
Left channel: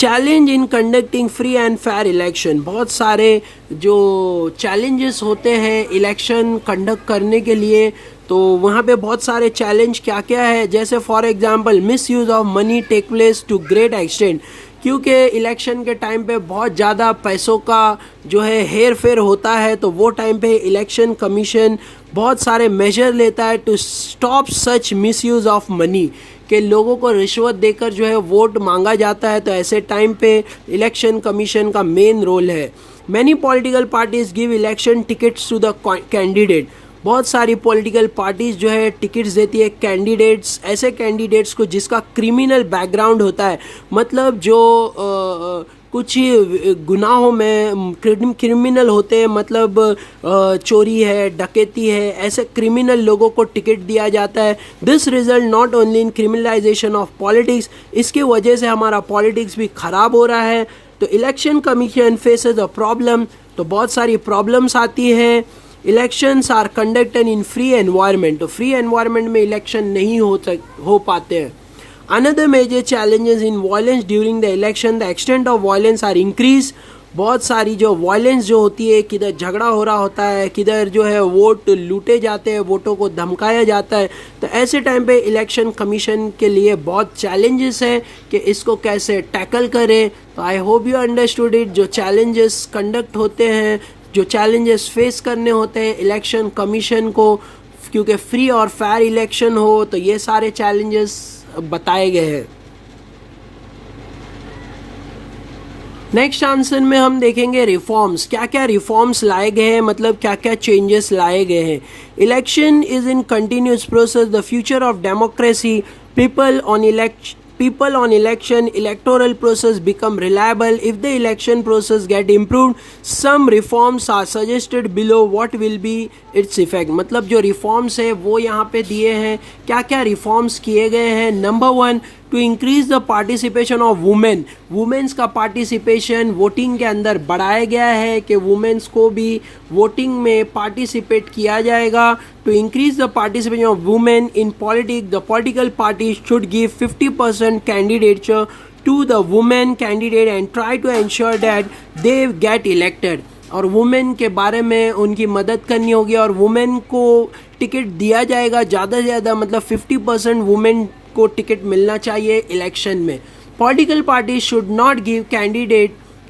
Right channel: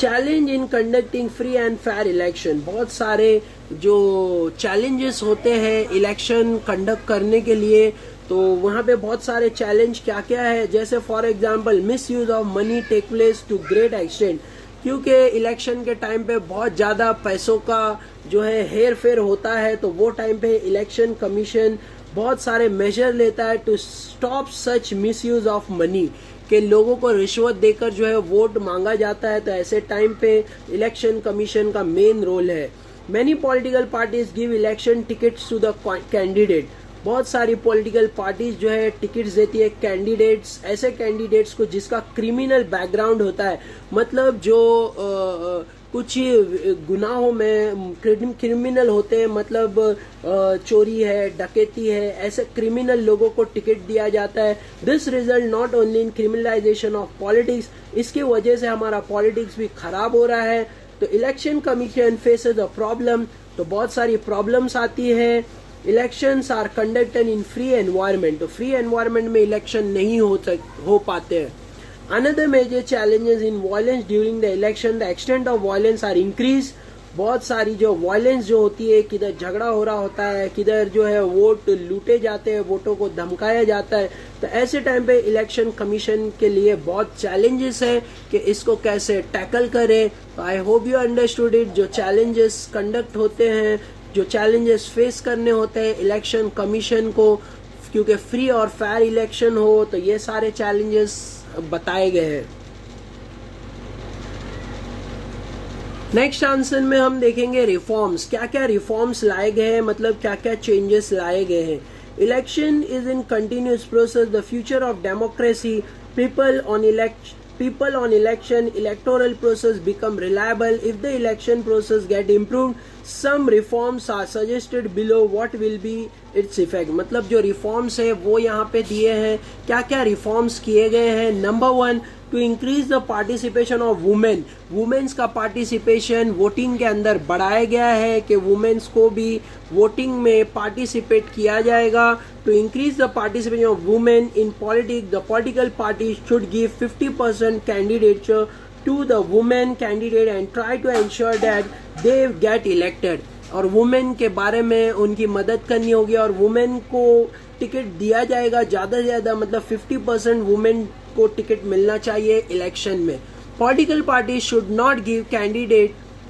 Challenge in conducting free and fair election. बहुत सारे जो चैलेंजेस होते हैं इलेक्शन कंडक्ट करने के लिए, तो वहाँ पे बहुत सारे चैलेंज क्या क्या है. जैसे for example misuse of money take place to great extent. क्योंकि इलेक्शन के टाइम पे बहुत ज़्यादा पैसों का जो है हेर फेर होता है तो वो टाइम पे इलेक्शन कमीशन बहुत सारे मेजर लेता है to stop such misuse of money कि लोगों को रिश्वत देकर जो है वोट मांगा जाता है. तो ऐसे टाइम पे इलेक्शन कमीशन का मेन रोल है. Many political parties give election tickets to the candidate. बहुत सारी पॉलिटिकल पार्टीज जो है टिकट्स देती है कैंडिडेट्स, ऐसे कैंडिडेट्स को जिसका क्रिमिनल बैकग्राउंड होता है. मतलब जो कुछ गुनाहों में क्रिमिनल होते हैं, मतलब चोरी है, डकैती है, ऐसे क्रिमिनल लोगों को टिकट दिया जाता है. This result not only in criminalisation of politics. इसकी वजह से हमारा पॉलिटिक्स भी ख़राब हो रहा है. तो election commission faces a problem. तो बहुत सारी प्रॉब्लम्स आती हैं. Elections are conducted in free environment. तो फ्री एनवायरनमेंट में इलेक्शन नहीं हो पाते हैं. Another major challenges in violence during the election, the extent of violence are increased. बहुत सारी जो वायलेंस जो होती है, किधर झगड़ा हो रहा होता है, किधर जो है वोट लूटे जाते हैं, वोटों को धमकाया जाता है. तो ऐसे टाइम पे इलेक्शन कमीशन के लिए बहुत चैलेंजेस हैं कि इसको कैसे टैकल करें. तो आई होप यू अंडरस्टूड इट. जो चैलेंजेस कंडक्ट होते हैं, जो चैलेंजेस फेस करने होते हैं इलेक्शन कमीशन को, क्योंकि फ्री और फेयर इलेक्शन हो, तो ये सारे चैलेंजेस बताए गए हैं. नेक्स्ट आंसर में हम देखेंगे रिफॉर्म्स. क्या क्या रिफॉर्म्स लाए गए हैं, मतलब क्या क्या चेंजेस लाए गए हैं. Election is in continuous process. The future of democracy. People on election, electoral process become reliable. If the election process get improved, some reforms are suggested below. What will be its effect? मतलब जो reforms है वो यहाँ पे दिए हैं. क्या क्या reforms किए गए हैं. Number 1, to increase the participation of women. Women's का पार्टिसिपेशन वोटिंग के अंदर बढ़ाया गया है कि वुमेन्स को भी वोटिंग में पार्टिसिपेट किया जाएगा. To increase the participation of women in politics, the political party should give 50% candidature to the women candidate and try to ensure that they get elected. और वुमेन के बारे में उनकी मदद करनी होगी और वुमेन को टिकट दिया जाएगा ज़्यादा से ज़्यादा, मतलब 50% वुमेन को टिकट मिलना चाहिए इलेक्शन में. Political party should not give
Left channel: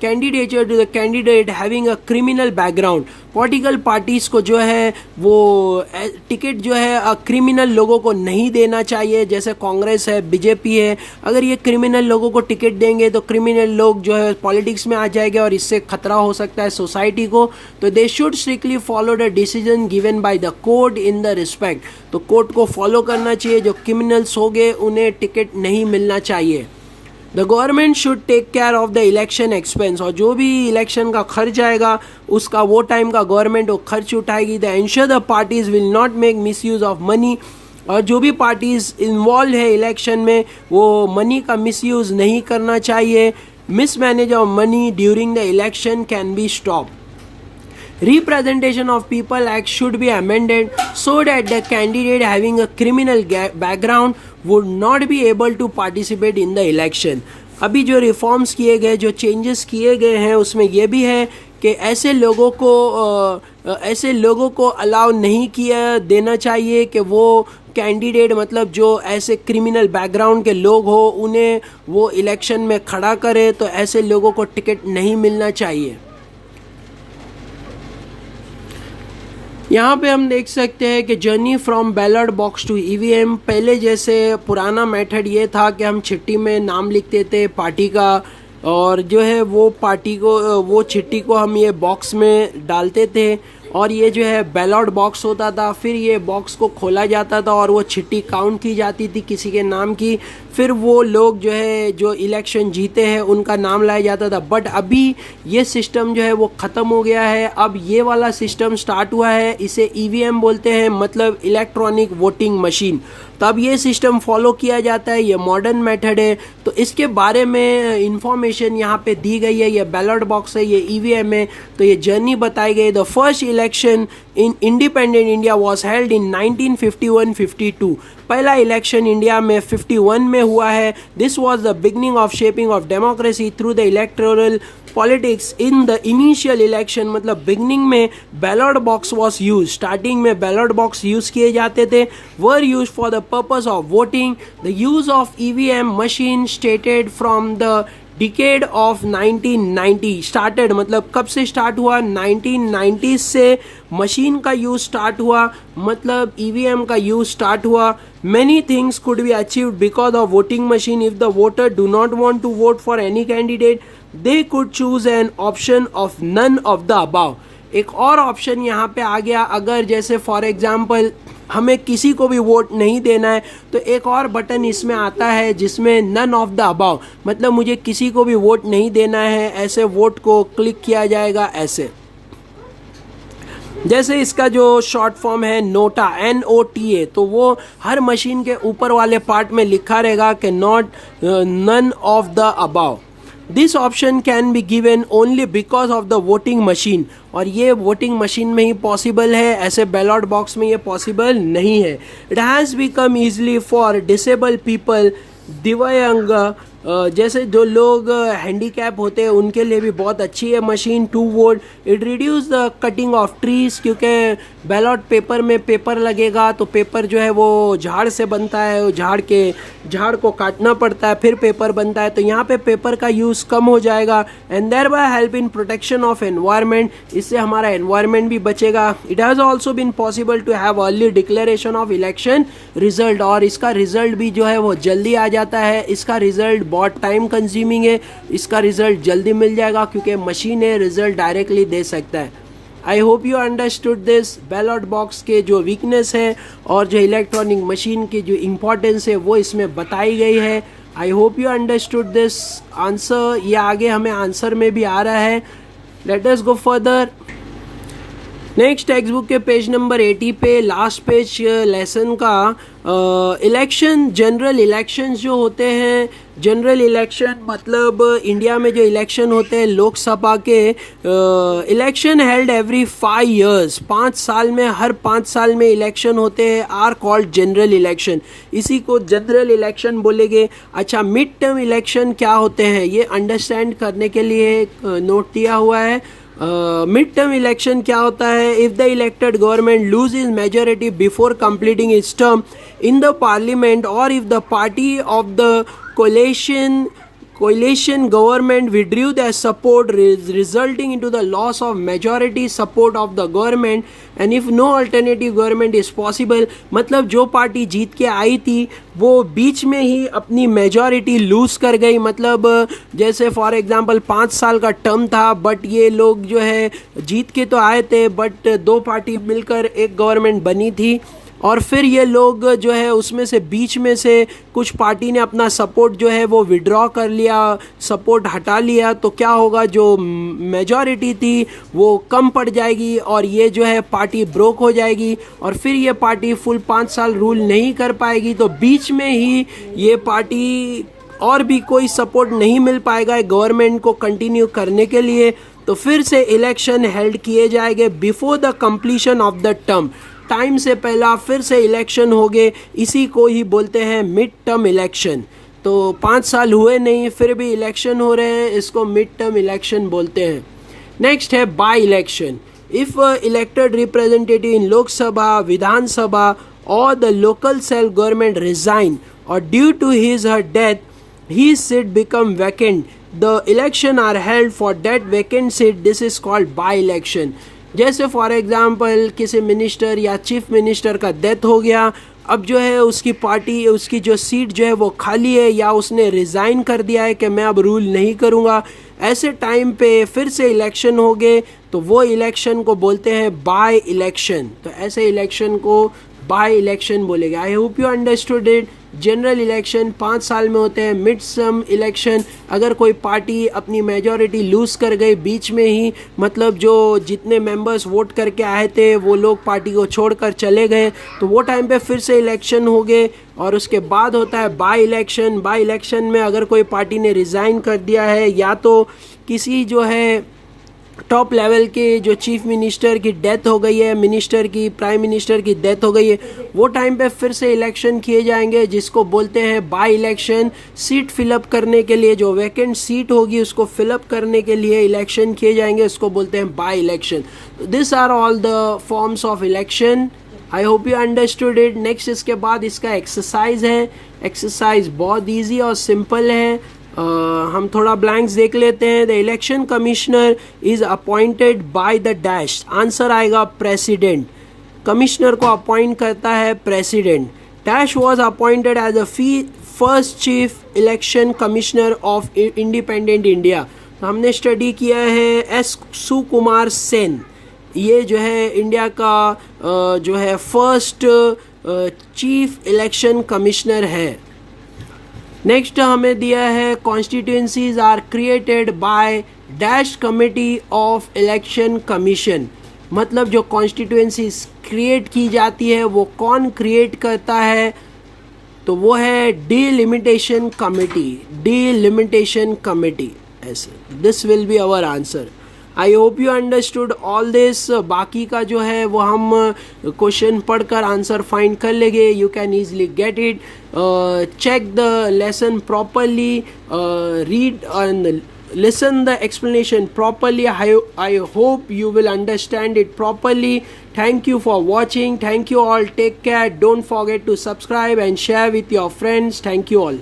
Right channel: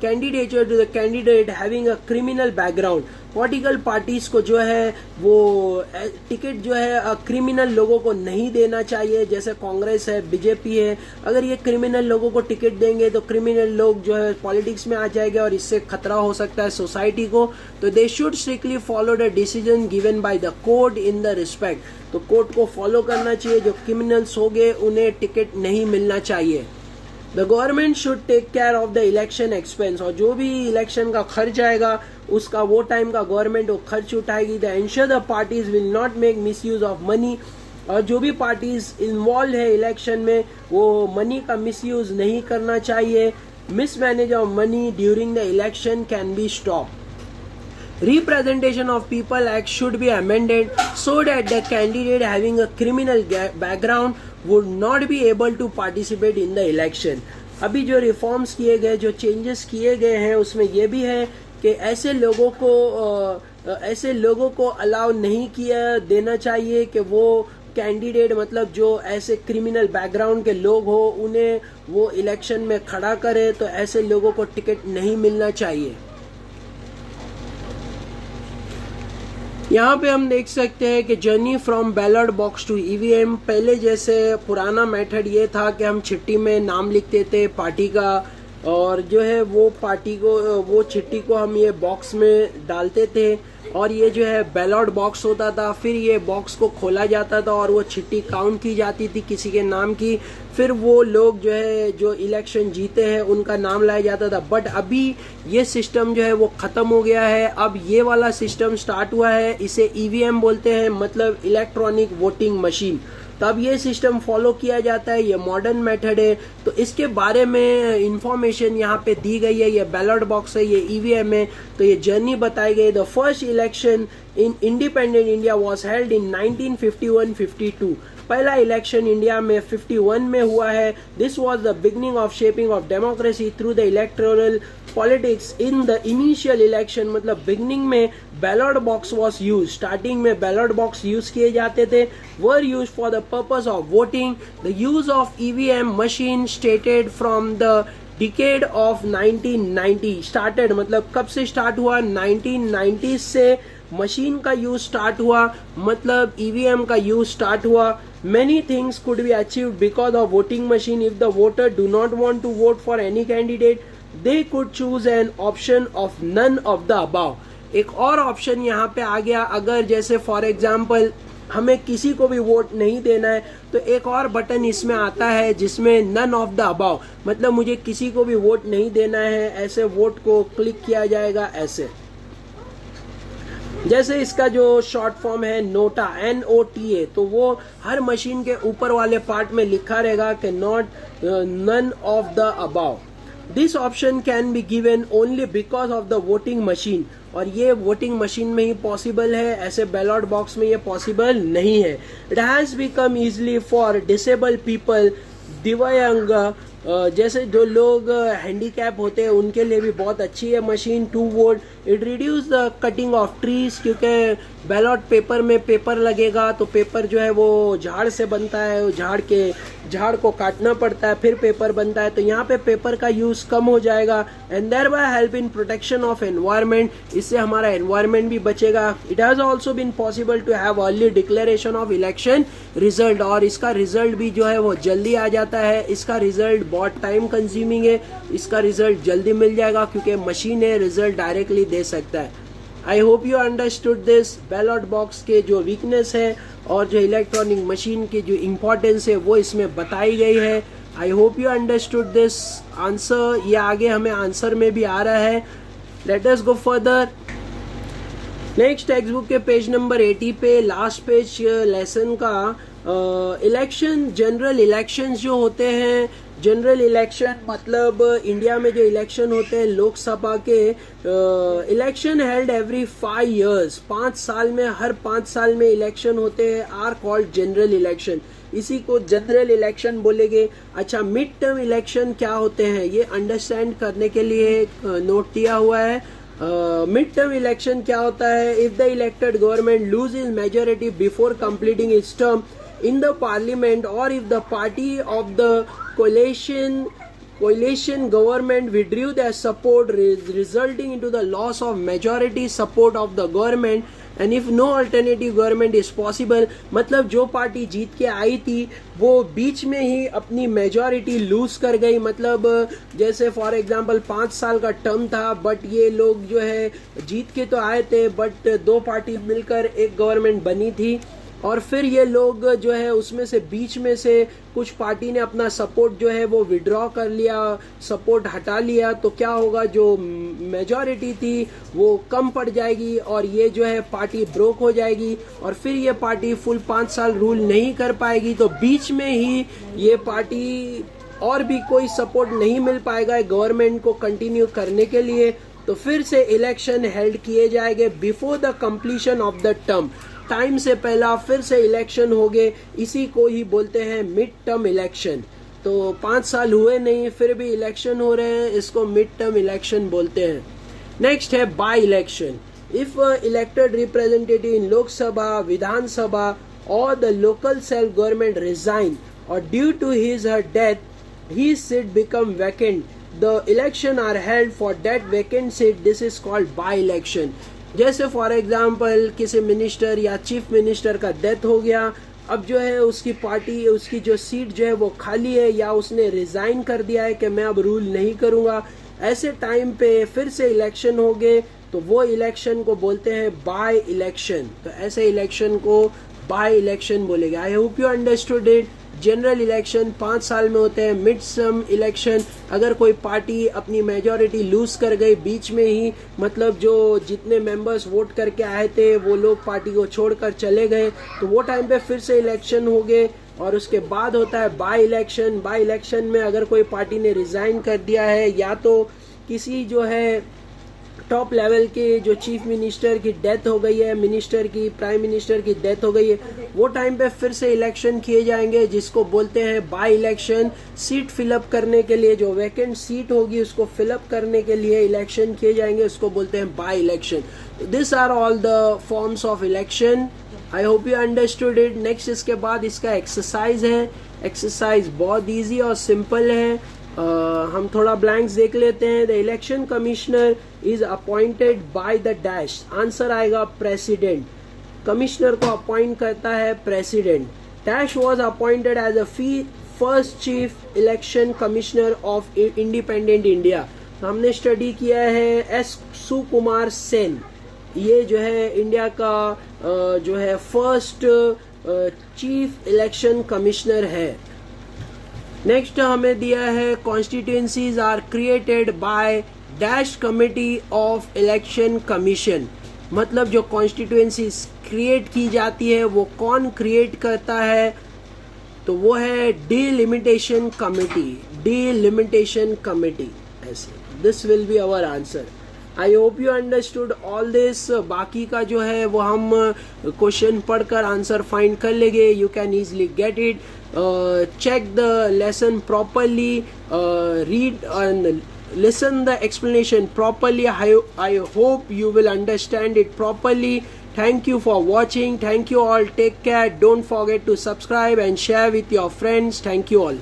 candidature to the candidate having a criminal background. Political parties को जो है वो टिकट जो है क्रिमिनल लोगों को नहीं देना चाहिए, जैसे कांग्रेस है, बीजेपी है. अगर ये क्रिमिनल लोगों को टिकट देंगे तो क्रिमिनल लोग जो है पॉलिटिक्स में आ जाएंगे और इससे खतरा हो सकता है सोसाइटी को. तो they should strictly follow the decision given by the court in the respect. तो कोर्ट को फॉलो करना चाहिए. जो क्रिमिनल्स हो गए उन्हें टिकट नहीं मिलना चाहिए. The government should take care of the election expense. और जो भी इलेक्शन का खर्च आएगा उसका वो टाइम का गवर्नमेंट वो खर्च उठाएगी. The ensure the parties will not make miss use of money. और जो भी पार्टीज इन्वॉल्व है इलेक्शन में वो मनी का मिस यूज नहीं करना चाहिए. Mismanage of money during the election can be stop. Representation of People Act should be amended so that the candidate having a criminal background would not be able to participate in the election. अभी जो reforms किए गए, जो changes किए गए हैं उसमें यह भी है कि ऐसे लोगों को अलाउ नहीं किया देना चाहिए कि वो कैंडिडेट, मतलब जो ऐसे क्रिमिनल बैकग्राउंड के लोग हो उन्हें वो इलेक्शन में खड़ा करे. तो ऐसे लोगों को टिकट नहीं मिलना चाहिए. यहाँ पे हम देख सकते हैं कि journey from ballot box to EVM. पहले जैसे पुराना मेथड ये था कि हम चिट्ठी में नाम लिखते थे पार्टी का और जो है वो चिट्ठी को हम ये बॉक्स में डालते थे और ये जो है बैलेट बॉक्स होता था. फिर ये बॉक्स को खोला जाता था और वो चिट्ठी काउंट की जाती थी किसी के नाम की. फिर वो लोग जो है जो इलेक्शन जीते हैं उनका नाम लाया जाता था. बट अभी ये सिस्टम जो है वो ख़त्म हो गया है. अब ये वाला सिस्टम स्टार्ट हुआ है, इसे ईवीएम बोलते हैं, मतलब इलेक्ट्रॉनिक वोटिंग मशीन. तब ये सिस्टम फॉलो किया जाता है. ये मॉडर्न मेथड है. तो इसके बारे में इंफॉर्मेशन यहाँ पे दी गई है. ये बैलेट बॉक्स है, ये ईवीएम है. तो ये जर्नी बताई गई. The first election in independent India was held in 1951-52. पहला इलेक्शन इंडिया में 51 में हुआ है. This was the beginning of shaping of democracy through the electoral politics. In the initial election, मतलब बिगनिंग में ballot box was use. Starting में ballot box use किए जाते थे. Were use for the purpose of voting. The use of EVM machine stated from the decade of 1990. Started मतलब कब से start हुआ? 1990 से मशीन का यूज स्टार्ट हुआ, मतलब ईवीएम का यूज स्टार्ट हुआ. Many things could be achieved because of voting machine. If the voter do not want to vote for any candidate, they could choose an option of none of the above. एक और option यहाँ पे आ गया. अगर जैसे for example हमें किसी को भी वोट नहीं देना है तो एक और बटन इसमें आता है जिसमें नन ऑफ द अबाव, मतलब मुझे किसी को भी वोट नहीं देना है, ऐसे वोट को क्लिक किया जाएगा. ऐसे जैसे इसका जो शॉर्ट फॉर्म है नोटा, NOTA, तो वो हर मशीन के ऊपर वाले पार्ट में लिखा रहेगा कि not none of the above. This option can be given only because of the voting machine. और ये वोटिंग मशीन में ही पॉसिबल है, ऐसे बैलेट बॉक्स में ये पॉसिबल नहीं है. It has become easily for disable people, दिव्यांग, जैसे जो लोग हैंडीकैप होते हैं उनके लिए भी बहुत अच्छी है machine to vote. It reduce the cutting of trees, क्योंकि बैलेट पेपर में पेपर लगेगा तो पेपर जो है वो झाड़ से बनता है, झाड़ को काटना पड़ता है फिर पेपर बनता है. तो यहाँ पे पेपर का यूज़ कम हो जाएगा. And thereby help in protection of environment, इससे हमारा एनवायरनमेंट भी बचेगा. It has also been possible to have early declaration of election result, और इसका रिजल्ट भी जो है वो जल्दी आ जाता है. इसका रिजल्ट बहुत टाइम कंज्यूमिंग है, इसका रिजल्ट जल्दी मिल जाएगा क्योंकि मशीन है, रिजल्ट डायरेक्टली दे सकता है. I hope you understood this. Ballot box के जो वीकनेस है और जो इलेक्ट्रॉनिक मशीन की जो इम्पोर्टेंस है वो इसमें बताई गई है. I hope you understood this. Answer ये आगे हमें आंसर में भी आ रहा है. Let us go further. Next text book के पेज नंबर 80 पे लास्ट पेज लेसन का इलेक्शन, जनरल इलेक्शंस जो होते हैं, जनरल इलेक्शन मतलब इंडिया में जो इलेक्शन होते हैं लोकसभा के, इलेक्शन हेल्ड एवरी 5 years, 5 साल में, हर 5 साल में इलेक्शन होते हैं, आर कॉल्ड जनरल इलेक्शन, इसी को जनरल इलेक्शन बोलेंगे। अच्छा, मिड टर्म इलेक्शन क्या होते हैं ये अंडरस्टैंड करने के लिए नोट दिया हुआ है। मिड टर्म इलेक्शन क्या होता है? If the elected government lose is majority before completing its term in the parliament, or if the party of the coalition government withdrew their support, resulting into the loss of majority support of the government, and if no alternative government is possible, मतलब जो party जीत के आई थी वो बीच में ही अपनी majority loose कर गई। मतलब जैसे फॉर एग्जांपल 5 साल का टर्म था, बट ये लोग जो है जीत के तो आए थे, बट 2 पार्टी मिलकर एक गवर्नमेंट बनी थी, और फिर ये लोग जो है उसमें से बीच में से कुछ पार्टी ने अपना सपोर्ट जो है वो विड्रॉ कर लिया, सपोर्ट हटा लिया, तो क्या होगा, जो मेजॉरिटी थी वो कम पड़ जाएगी और ये जो है पार्टी ब्रोक हो जाएगी, और फिर ये पार्टी फुल 5 साल रूल नहीं कर पाएगी। तो बीच में ही ये पार्टी और भी कोई सपोर्ट नहीं मिल पाएगा गवर्नमेंट को कंटिन्यू करने के लिए, तो फिर से इलेक्शन हेल्ड किए जाएंगे before the completion of the term, time से पहला फिर से इलेक्शन हो गए, इसी को ही बोलते हैं मिड टर्म इलेक्शन। तो 5 साल हुए नहीं फिर भी इलेक्शन हो रहे हैं, इसको मिड टर्म इलेक्शन बोलते हैं। नेक्स्ट है by election. If elected representative in Lok Sabha, Vidhan Sabha और the local self government resign और due to his her death his seat become vacant, the election are held for that vacant seat, this is called by election। जैसे for example किसी minister या chief minister का death हो गया, अब जो है उसकी पार्टी, उसकी जो सीट जो है वो खाली है, या उसने रिज़ाइन कर दिया है कि मैं अब रूल नहीं करूँगा, ऐसे टाइम पे फिर से इलेक्शन हो गए, तो वो इलेक्शन को बोलते हैं बाय इलेक्शन। तो ऐसे इलेक्शन को बाय इलेक्शन बोलेंगे। I hope you understood it. General election 5 साल में होते हैं। मिड टर्म इलेक्शन, अगर कोई पार्टी अपनी मेजॉरिटी लूज़ कर गई बीच में ही, मतलब जो जितने मेंबर्स वोट करके आए थे वो लोग पार्टी को छोड़कर चले गए, तो वो टाइम पे फिर से इलेक्शन हो गए, और उसके बाद होता है बाय इलेक्शन। बाय इलेक्शन में अगर कोई पार्टी ने रिज़ाइन कर दिया है, या तो किसी जो है टॉप लेवल के जो चीफ मिनिस्टर की डेथ हो गई है, मिनिस्टर की, प्राइम मिनिस्टर की डेथ हो गई है, वो टाइम पे फिर से इलेक्शन किए जाएंगे, जिसको बोलते हैं बाय इलेक्शन। सीट फिलअप करने के लिए, जो वैकेंट सीट होगी उसको फिलअप करने के लिए इलेक्शन किए जाएंगे, उसको बोलते हैं by election. This are all the forms of election. I hope you understood it. Next इसके बाद इसका एक्सरसाइज है। एक्सरसाइज बहुत ईजी और सिंपल है। हम थोड़ा ब्लैंक्स देख लेते हैं। The election commissioner is appointed by the dash, answer आएगा प्रेसिडेंट। कमिश्नर को अपॉइंट करता है president. Dash was appointed as a first chief election commissioner of independent India. तो हमने स्टडी किया है एस सुकुमार सेन, ये जो है इंडिया का जो है फर्स्ट चीफ इलेक्शन कमिश्नर है। नेक्स्ट हमें दिया है constituencies are created by dash committee of election commission, मतलब जो कॉन्स्टिट्यूएंसीज क्रिएट की जाती है वो कौन क्रिएट करता है, तो वो है डिलिमिटेशन कमिटी। डिलिमिटेशन कमिटी, ऐसे। This will be our answer. I hope you understood all this. बाकी का जो है वो हम क्वेश्चन पढ़कर आंसर फाइंड कर लेंगे। You can easily get it. Check the lesson properly, read and listen the explanation properly. I hope you will understand it properly. Thank you for watching. Thank you all. Take care. Don't forget to subscribe and share with your friends. Thank you all.